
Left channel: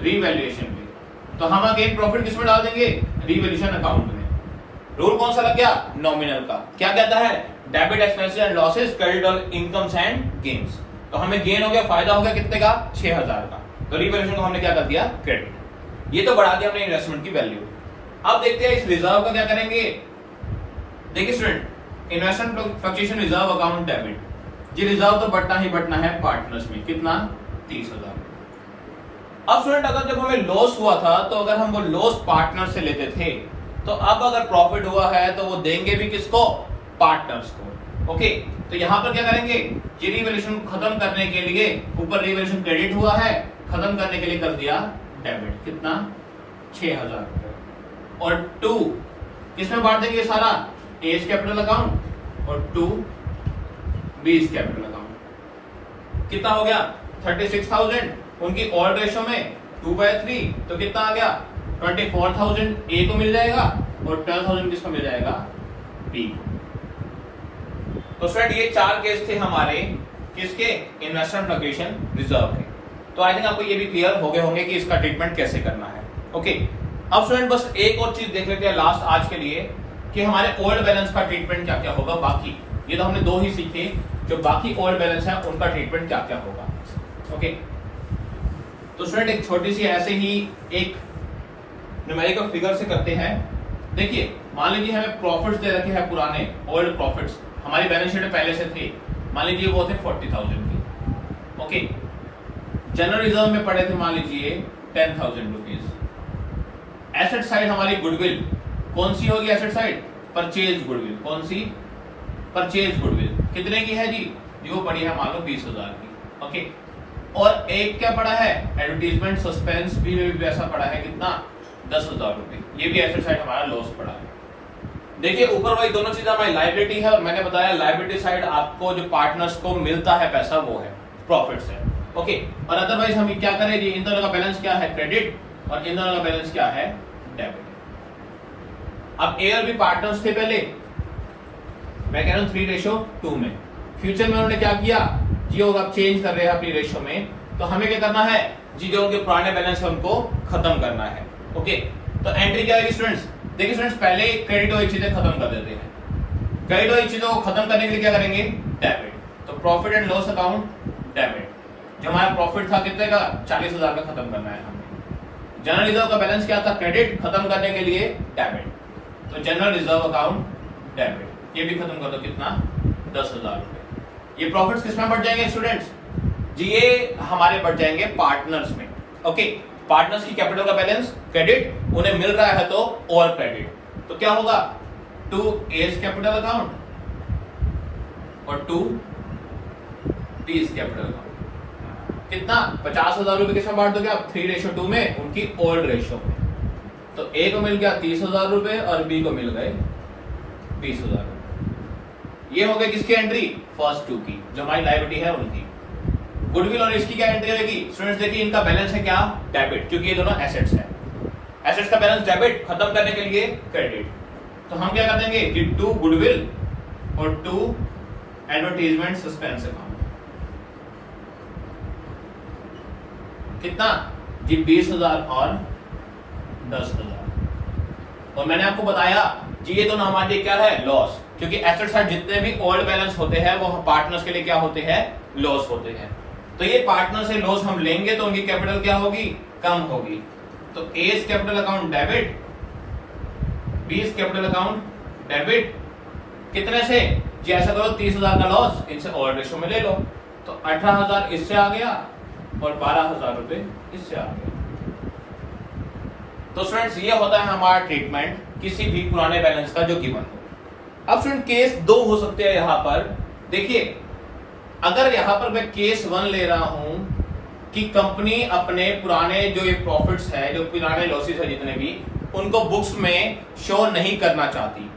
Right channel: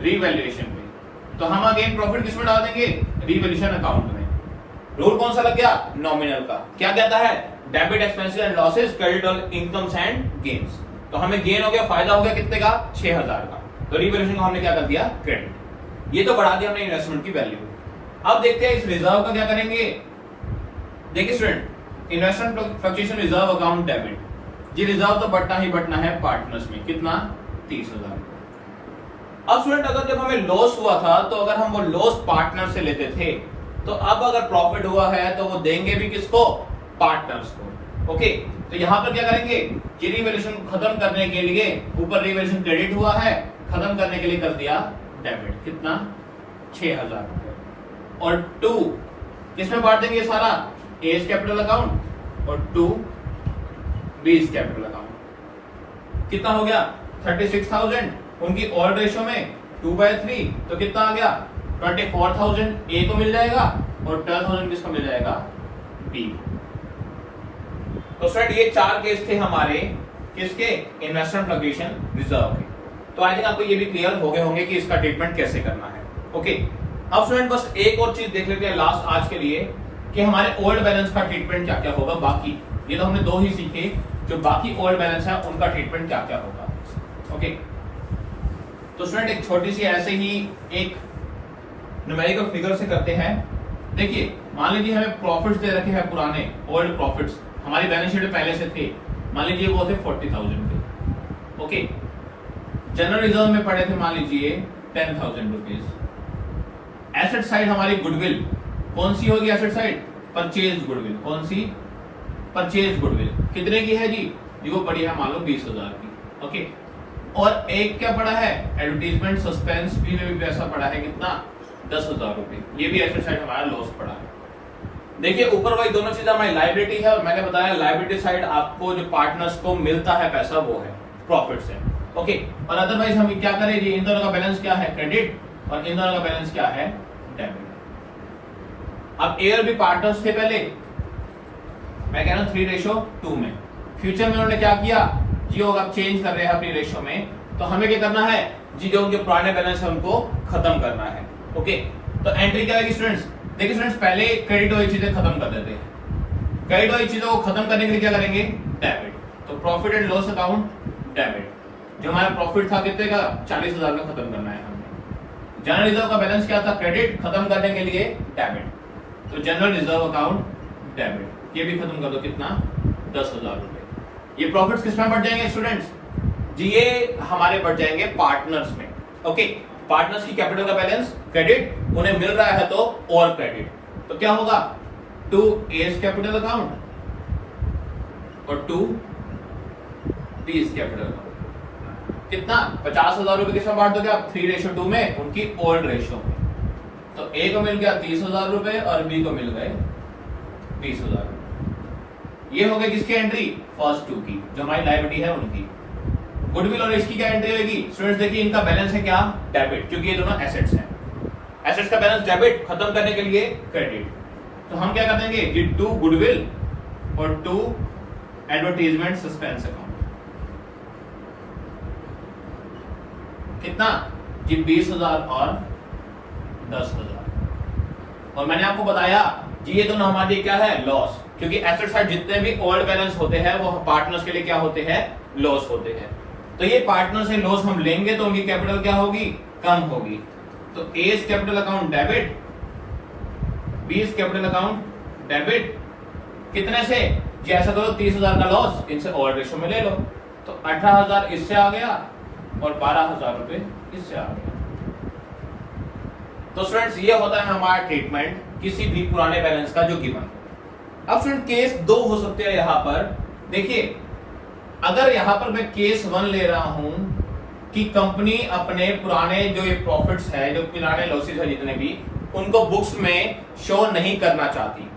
रीवैल्यूएशन पे। तो हम अगेन प्रॉफिट किसमें डाल देंगे? रीवैल्यूएशन अकाउंट में। रूल कौन सा लग गया? नॉमिनल का। क्या कहता है? Debit expenses and losses, credit on incomes and gains. तो हमें गेन हो गया, फायदा हो गया कितने का? 6,000 का। तो रीवैल्यूएशन को हमने क्या कर दिया? क्रेडिट। ये तो बढ़ा दिया हमने इन्वेस्टमेंट की वैल्यू। अब देखते हैं इस रिजर्व का क्या करेंगे। देखिए student, investment fluctuation reserve account debit, जी रिजर्व तो बढ़ना ही बढ़ना है पार्टनर्स में। कितना? 30,000। अब स्टूडेंट अगर जब हमें लॉस हुआ था तो अगर हम वो लॉस पार्टनर से लेते थे, तो अब अगर प्रॉफिट हुआ है तो वो देंगे भी किसको? पार्टनर्स को। ओके, तो यहां पर क्या करेंगे, ये रिवैल्यूएशन खत्म करने के लिए, ऊपर रिवैल्यूएशन क्रेडिट हुआ है, खत्म करने के लिए कर दिया डेबिट। कितना? 6,000 रुपए। और 2 किसमें बांट देंगे सारा? एज कैपिटल अकाउंट और 2 बीज कैपिटल अकाउंट। कितना हो गया? 36,000 उनकी ओल्ड रेशियो में 2/3, तो कितना आ गया? 24,000 ए को मिल जाएगा और 12,000 किसको मिल जाएगा? बी। तो फ्रेंड ये 4 केस थे हमारे किसके? इन्वेस्टमेंट फ्लक्चुएशन रिजर्व के। तो आई थिंक आपको ये भी क्लियर हो गए होंगे कि इसका ट्रीटमेंट कैसे करना है। ओके, अब स्टूडेंट बस एक और चीज देख लेते हैं लास्ट आज के लिए कि हमारे ओल्ड बैलेंस का ट्रीटमेंट क्या क्या होगा। बाकी ये तो हमने 2 ही सीखे, जो बाकी ओल्ड बैलेंस है उनका ट्रीटमेंट क्या क्या होगा। ओके, तो स्टूडेंट एक छोटी सी ऐसे ही एक न्यूमेरिकल फिगर से करते हैं। देखिए, मान लीजिए हमें प्रॉफिट्स दे रखे हैं पुराने ओल्ड प्रॉफिट्स, हमारी बैलेंस शीट में पहले से थे। मान लीजिए वो थे 40,000 के। ओके, जनरल रिजर्व में पड़े थे मान लीजिए 10,000 रुपीज। एसेट साइड हमारी गुडविल कौन सी होगी? Asset side purchase goodwill. कौन सी? Purchase goodwill. कितने की है जी? वो पड़ी है मान लो 20,000 की। ओके, और एक क्या पड़ा है? एडवर्टीजमेंट सस्पेंस भी में भी पैसा पड़ा है। कितना? 10,000 रुपए। ये भी एसेट साइड हमारा लॉस पड़ा है। देखिए ऊपर वाली दोनों चीजें हमारी लाइबिलिटी है, और मैंने बताया लाइबिलिटी साइड आपको जो पार्टनर्स को मिलता है पैसा वो है प्रॉफिट से। ओके, और अदरवाइज हम क्या करें जी, इन दोनों का बैलेंस क्या है? क्रेडिट, और इन दोनों का बैलेंस क्या है? डेबिट। अब ए और बी पार्टनर्स थे पहले, मैं कह रहा हूं 3:2 में। फ्यूचर में उन्होंने क्या किया जी, वो अब चेंज कर रहे हैं अपनी रेशियो में, तो हमें क्या करना है जी, जो उनके पुराने बैलेंस है उनको खत्म करना है। ओके, तो एंट्री क्या लगेगी स्टूडेंट्स? देखिए स्टूडेंट्स, पहले क्रेडिट वाली चीजें खत्म कर देते हैं। क्रेडिट वाली चीजों को खत्म करने के लिए क्या करेंगे? डेबिट। तो profit and loss account debit. जो हमारा प्रॉफिट था कितने का? 40,000 का खत्म करना है हमें। जनरल रिजर्व का बैलेंस क्या था? क्रेडिट। खत्म करने के लिए डेबिट, तो जनरल रिजर्व अकाउंट डेबिट। ये भी खत्म कर दो। कितना? 10,000 रुपए। ये प्रॉफिट्स किसमें बढ़ जाएंगे स्टूडेंट्स जी? ये हमारे बढ़ जाएंगे पार्टनर्स में। ओके, पार्टनर्स की कैपिटल का बैलेंस क्रेडिट, उन्हें मिल रहा है तो और क्रेडिट, तो क्या होगा? 2 एज कैपिटल अकाउंट और 2 बीज कैपिटल अकाउंट। कितना? 50,000 रुपए किसमें बांट दोगे आप? 3:2 में, उनकी ओल्ड रेशियो में। तो ए को मिल गया 30,000 रुपए और बी को मिल गए 20,000। ये हो गई किसकी एंट्री? फर्स्ट 2 की, जो हमारी लायबिलिटी है उनकी। गुडविल और इसकी क्या एंट्री होगी स्टूडेंट्स? देखिए इनका बैलेंस है क्या? डेबिट, क्योंकि ये दोनों एसेट्स हैं। एसेट्स का बैलेंस डेबिट, खत्म करने के लिए क्रेडिट। तो हम क्या कर देंगे कि 2 गुडविल और 2 एडवर्टाइजमेंट सस्पेंस अकाउंट। कितना जी? 20,000 और 10,000। और मैंने आपको बताया जी ये दोनों हमारे लिए क्या है? लॉस, क्योंकि एसेट साइड जितने भी ओल्ड बैलेंस होते हैं वो पार्टनर्स के लिए क्या होते हैं? लॉस होते हैं। तो ये पार्टनर से लॉस हम लेंगे तो उनकी कैपिटल क्या होगी? कम होगी। तो as capital account debit, B's capital account debit. कितने से जी? ऐसा करो 30,000 का लॉस इनसे ओल्ड रेशियो में ले लो, तो 18,000 इससे आ गया और 12,000 रुपए इससे आ गया। तो स्टूडेंट्स ये होता है हमारा ट्रीटमेंट किसी भी पुराने बैलेंस का जो गिवन। अब स्टूडेंट केस 2 हो सकते हैं यहां पर। देखिए अगर यहां पर मैं केस 1 ले रहा हूं कि कंपनी अपने पुराने जो ये प्रॉफिट्स है, जो पुराने लॉसेस है जितने भी, उनको बुक्स में शो नहीं करना चाहती।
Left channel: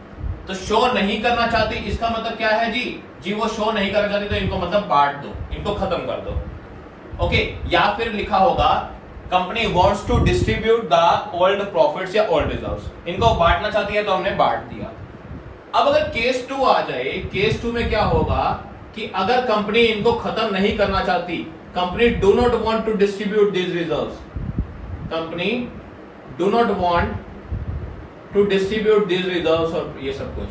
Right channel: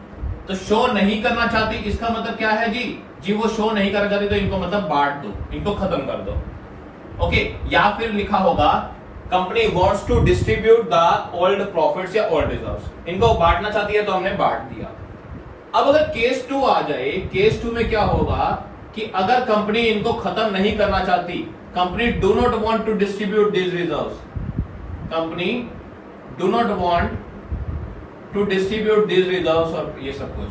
तो शो नहीं करना चाहती इसका मतलब क्या है जी वो शो नहीं करना चाहती तो इनको मतलब बांट दो, इनको खत्म कर दो। ओके, या फिर लिखा होगा company wants to distribute the old profits या ओल्ड रिजर्व्स, इनको बांटना चाहती है तो हमने बांट दिया। अब अगर केस 2 आ जाए, केस 2 में क्या होगा कि अगर कंपनी इनको खत्म नहीं करना चाहती, company do not want to distribute this reserves, company do not want to distribute this reserves और ये सब कुछ,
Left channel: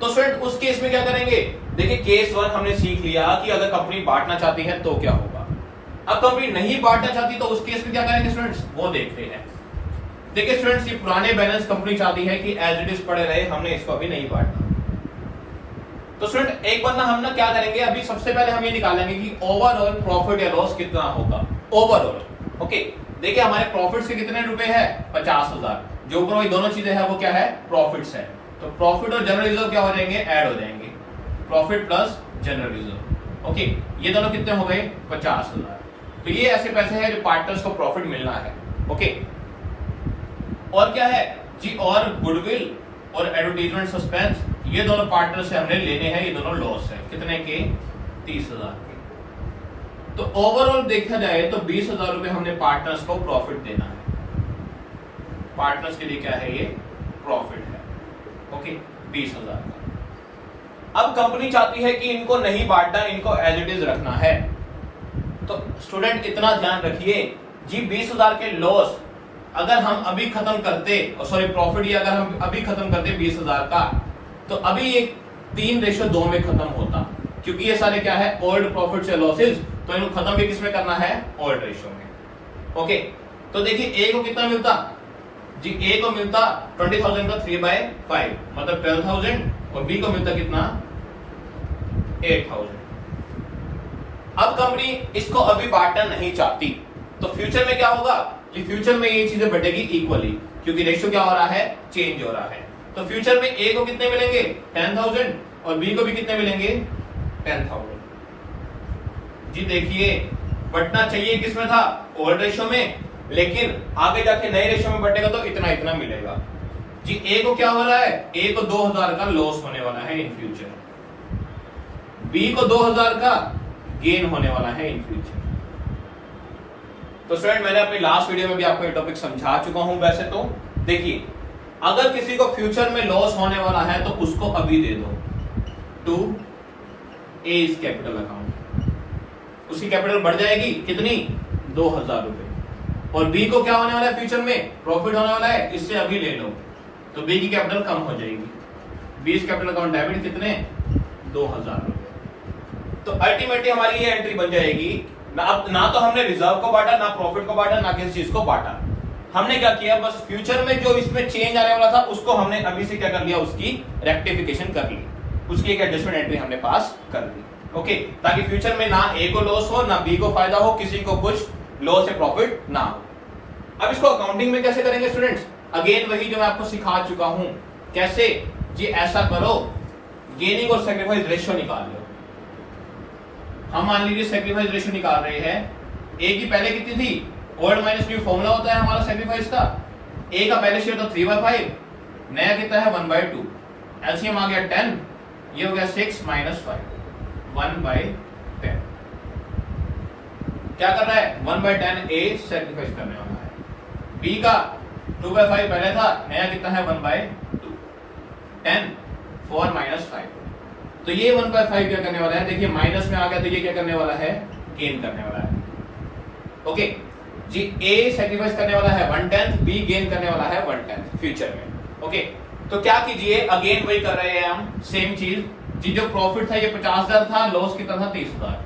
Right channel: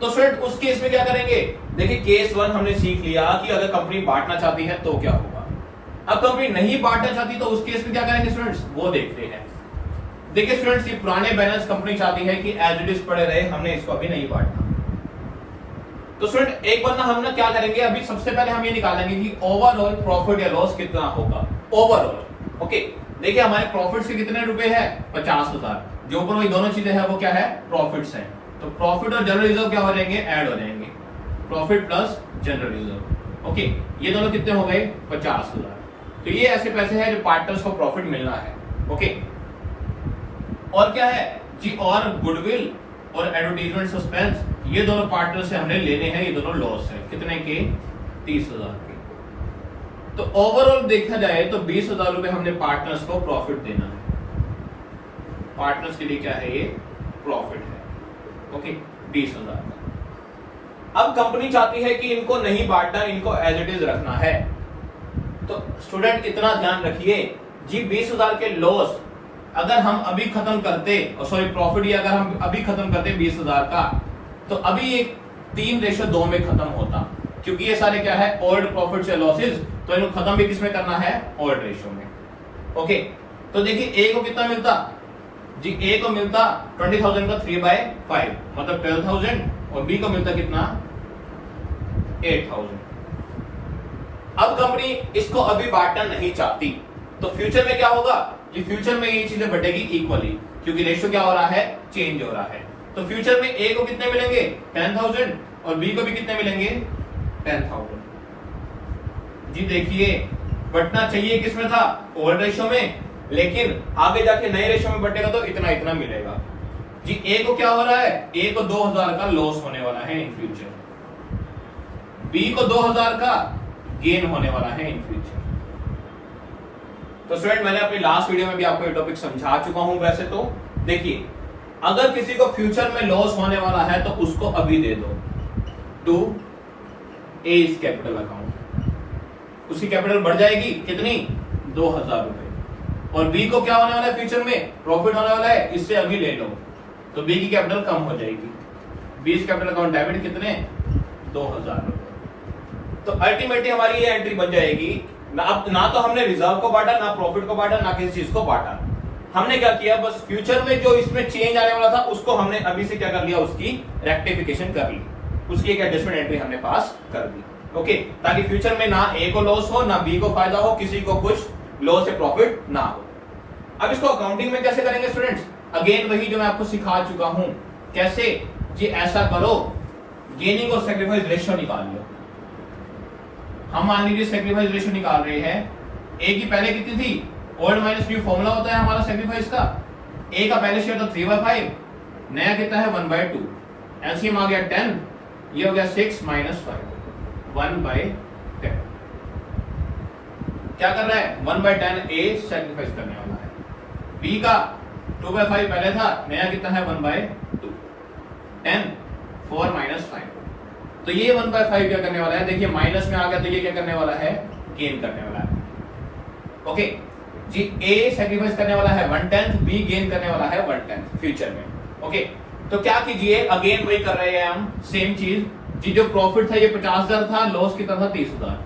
तो स्टूडेंट उस केस में क्या करेंगे? देखिए केस 1 हमने सीख लिया कि अगर कंपनी बांटना चाहती है तो क्या होगा। अब कंपनी नहीं बांटना चाहती तो उस केस में क्या करेंगे स्टूडेंट्स, वो देखते हैं। देखिए स्टूडेंट्स ये पुराने बैलेंस कंपनी चाहती है कि एज इट इज पड़े रहे, हमने इसको अभी नहीं बांटना। तो स्टूडेंट एक बार ना हम ना क्या करेंगे, अभी सबसे पहले हम ये निकालेंगे कि ओवरऑल प्रॉफिट या लॉस कितना होगा ओवरऑल। ओके, देखिए हमारे प्रॉफिट्स के कितने रुपए है? 50,000। जो ऊपर वही दोनों चीजें हैं वो क्या है? प्रॉफिट्स है। तो प्रॉफिट और जनरल रिजर्व क्या हो जाएंगे? ऐड हो जाएंगे, profit plus general reserve. Okay, ये दोनों कितने हो गए? 50,000। तो ये ऐसे पैसे हैं जो पार्टनर्स को प्रॉफिट मिलना है। ओके, और क्या है जी? और गुडविल और एडवर्टाइजमेंट सस्पेंस, ये दोनों पार्टनर से हमने लेने हैं, ये दोनों लॉस है। कितने के? 30,000 के। तो ओवरऑल देखा जाए तो 20,000 रुपए हमने पार्टनर्स को प्रॉफिट देना है। पार्टनर्स के लिए क्या है? ये प्रॉफिट है। ओके, 20,000 का। अब कंपनी चाहती है कि इनको नहीं बांटना, इनको एज इट इज रखना है। तो स्टूडेंट इतना ध्यान रखिए जी, 20,000 के लॉस अगर हम अभी खत्म करते, सॉरी प्रॉफिट, ये अगर हम अभी खत्म करते 20,000 का, तो अभी ये 3:2 में खत्म होता, क्योंकि ये सारे क्या है? ओल्ड प्रॉफिट या लॉसेस। तो इनको खत्म भी किसमें करना है? ओल्ड रेशियो में। ओके, तो देखिए ए को कितना मिलता जी? ए को मिलता 20,000 का 3/5 मतलब 12,000, और बी को मिलता कितना? 8,000। अब कंपनी इसको अभी बांटना नहीं चाहती, तो फ्यूचर में क्या होगा? ये फ्यूचर में ये चीजें बढ़ेगी इक्वली, क्योंकि रेशियो क्या हो रहा है? चेंज हो रहा है। तो फ्यूचर में ए को कितने मिलेंगे? 10,000, और बी को भी कितने मिलेंगे? 10,000। जी देखिए बंटना चाहिए किसमें था? ओल्ड रेशियो में, लेकिन आगे जाके नए रेशियो में बंटेगा तो इतना इतना मिलेगा। जी ए को क्या हो रहा है? ए को 2,000 का लॉस होने वाला है इन फ्यूचर, बी को 2,000 का गेन होने वाला है इन फ्यूचर। तो स्टूडेंट मैंने अपनी लास्ट वीडियो में भी आपको ये टॉपिक समझा चुका हूं। वैसे तो देखिए अगर किसी को फ्यूचर में लॉस होने वाला है तो उसको अभी दे दो to A's capital account, उसकी कैपिटल बढ़ जाएगी कितनी? 2,000 रुपए। और बी को क्या होने वाला है? फ्यूचर में प्रॉफिट होने वाला है, इससे अभी ले लो, तो बी की कैपिटल कम हो जाएगी। B's capital account debit कितने? 2,000 रुपए। तो अल्टीमेटली हमारी ये एंट्री बन जाएगी, ना तो हमने रिजर्व को बांटा, ना प्रॉफिट को बांटा, ना किसी चीज को बांटा। हमने क्या किया? बस फ्यूचर में जो इसमें चेंज आने वाला था उसको हमने अभी से क्या कर लिया? उसकी रेक्टिफिकेशन कर ली, उसकी एक एडजस्टमेंट एंट्री हमने पास कर दी। ओके, ताकि फ्यूचर में ना ए को लॉस हो, ना बी को फायदा हो, किसी को कुछ लॉस या प्रॉफिट ना हो। अब इसको अकाउंटिंग में कैसे करेंगे स्टूडेंट्स? अगेन वही जो मैं आपको सिखा चुका हूं। कैसे जी? ऐसा करो, गेनिंग और सैक्रिफाइस रेशियो निकाल लो। हम मान लीजिए सैक्रिफाइस रेशियो निकाल रहे हैं, ए की पहले कितनी थी? ओल्ड माइनस न्यू फॉर्मूला होता है हमारा सैक्रिफाइस का। ए का पहले शेयर था 3/5, नया कितना है? 1/2। एलसीएम आ गया 10, ये हो गया 6 - 5 1/10। क्या कर रहा है? 1/10 ए सैक्रिफाइस करने वाला है। बी का 2/5 पहले था, नया कितना है? 1/2 10 4 - 5। तो ये 1/5 क्या करने वाला है? देखिए माइनस में आ गया, तो ये क्या करने वाला है? गेन करने वाला है। ओके जी, ए सैक्रिफाइस करने वाला है 1/10, बी गेन करने वाला है 1/10 फ्यूचर में। ओके, तो क्या कीजिए? अगेन वही कर रहे हैं हम, सेम चीज जी। जो प्रॉफिट था ये 50,000 था, लॉस कितना था? 30,000।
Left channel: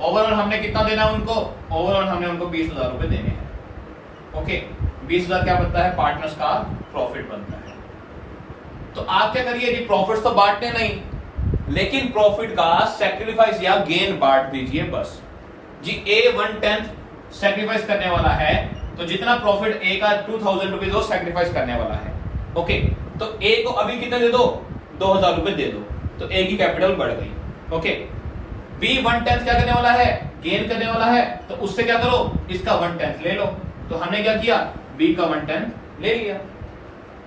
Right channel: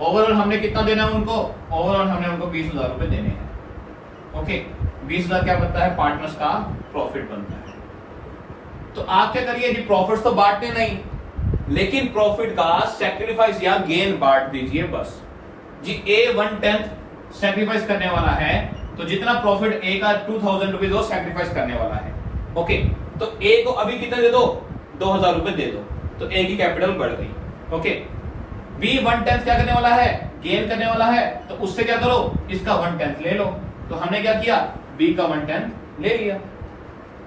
ओवरऑल हमने कितना देना है उनको? ओवरऑल हमने उनको 20,000 रुपए देने हैं। ओके, 20,000 क्या बनता है? पार्टनर्स का प्रॉफिट बनता है। तो आप क्या करिए जी? प्रॉफिट्स तो बांटने नहीं, लेकिन प्रॉफिट का सैक्रिफाइस या गेन बांट दीजिए बस। जी ए 1/10 सैक्रिफाइस करने वाला है, तो जितना प्रॉफिट ए का 2000 रुपीज वो सैक्रिफाइस करने वाला है। ओके, तो ए को अभी कितना दे दो, 2000 रुपए दे दो, तो ए की कैपिटल बढ़ गई। ओके, बी 1/10 क्या करने वाला है, गेन करने वाला है, तो उससे क्या करो, इसका 1/10 ले लो। तो हमने क्या किया, बी का 1/10 ले लिया।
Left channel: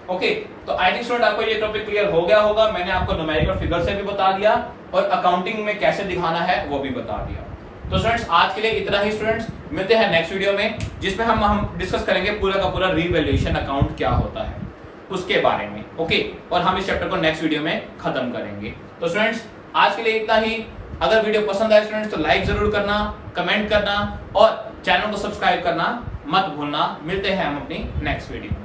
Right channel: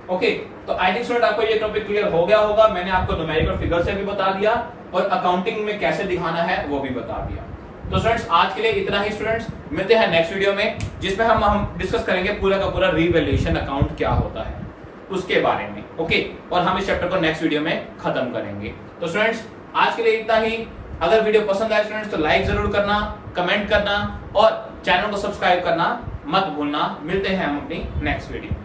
ओके, तो आई थिंक स्टूडेंट आपको ये टॉपिक क्लियर हो गया होगा। मैंने आपको न्यूमेरिकल फिगर से भी बता दिया और अकाउंटिंग में कैसे दिखाना है वो भी बता दिया। तो स्टूडेंट्स आज के लिए इतना ही। स्टूडेंट्स मिलते हैं नेक्स्ट वीडियो में, जिसमें हम डिस्कस करेंगे पूरा का पूरा रीवैल्यूएशन अकाउंट क्या होता है उसके बारे में। ओके, और हम इस चैप्टर को नेक्स्ट वीडियो में खत्म करेंगे। तो स्टूडेंट्स आज के लिए इतना ही। अगर वीडियो पसंद आए स्टूडेंट्स तो लाइक जरूर करना, कमेंट करना और चैनल को सब्सक्राइब करना मत भूलना। मिलते हैं हम अपनी नेक्स्ट वीडियो।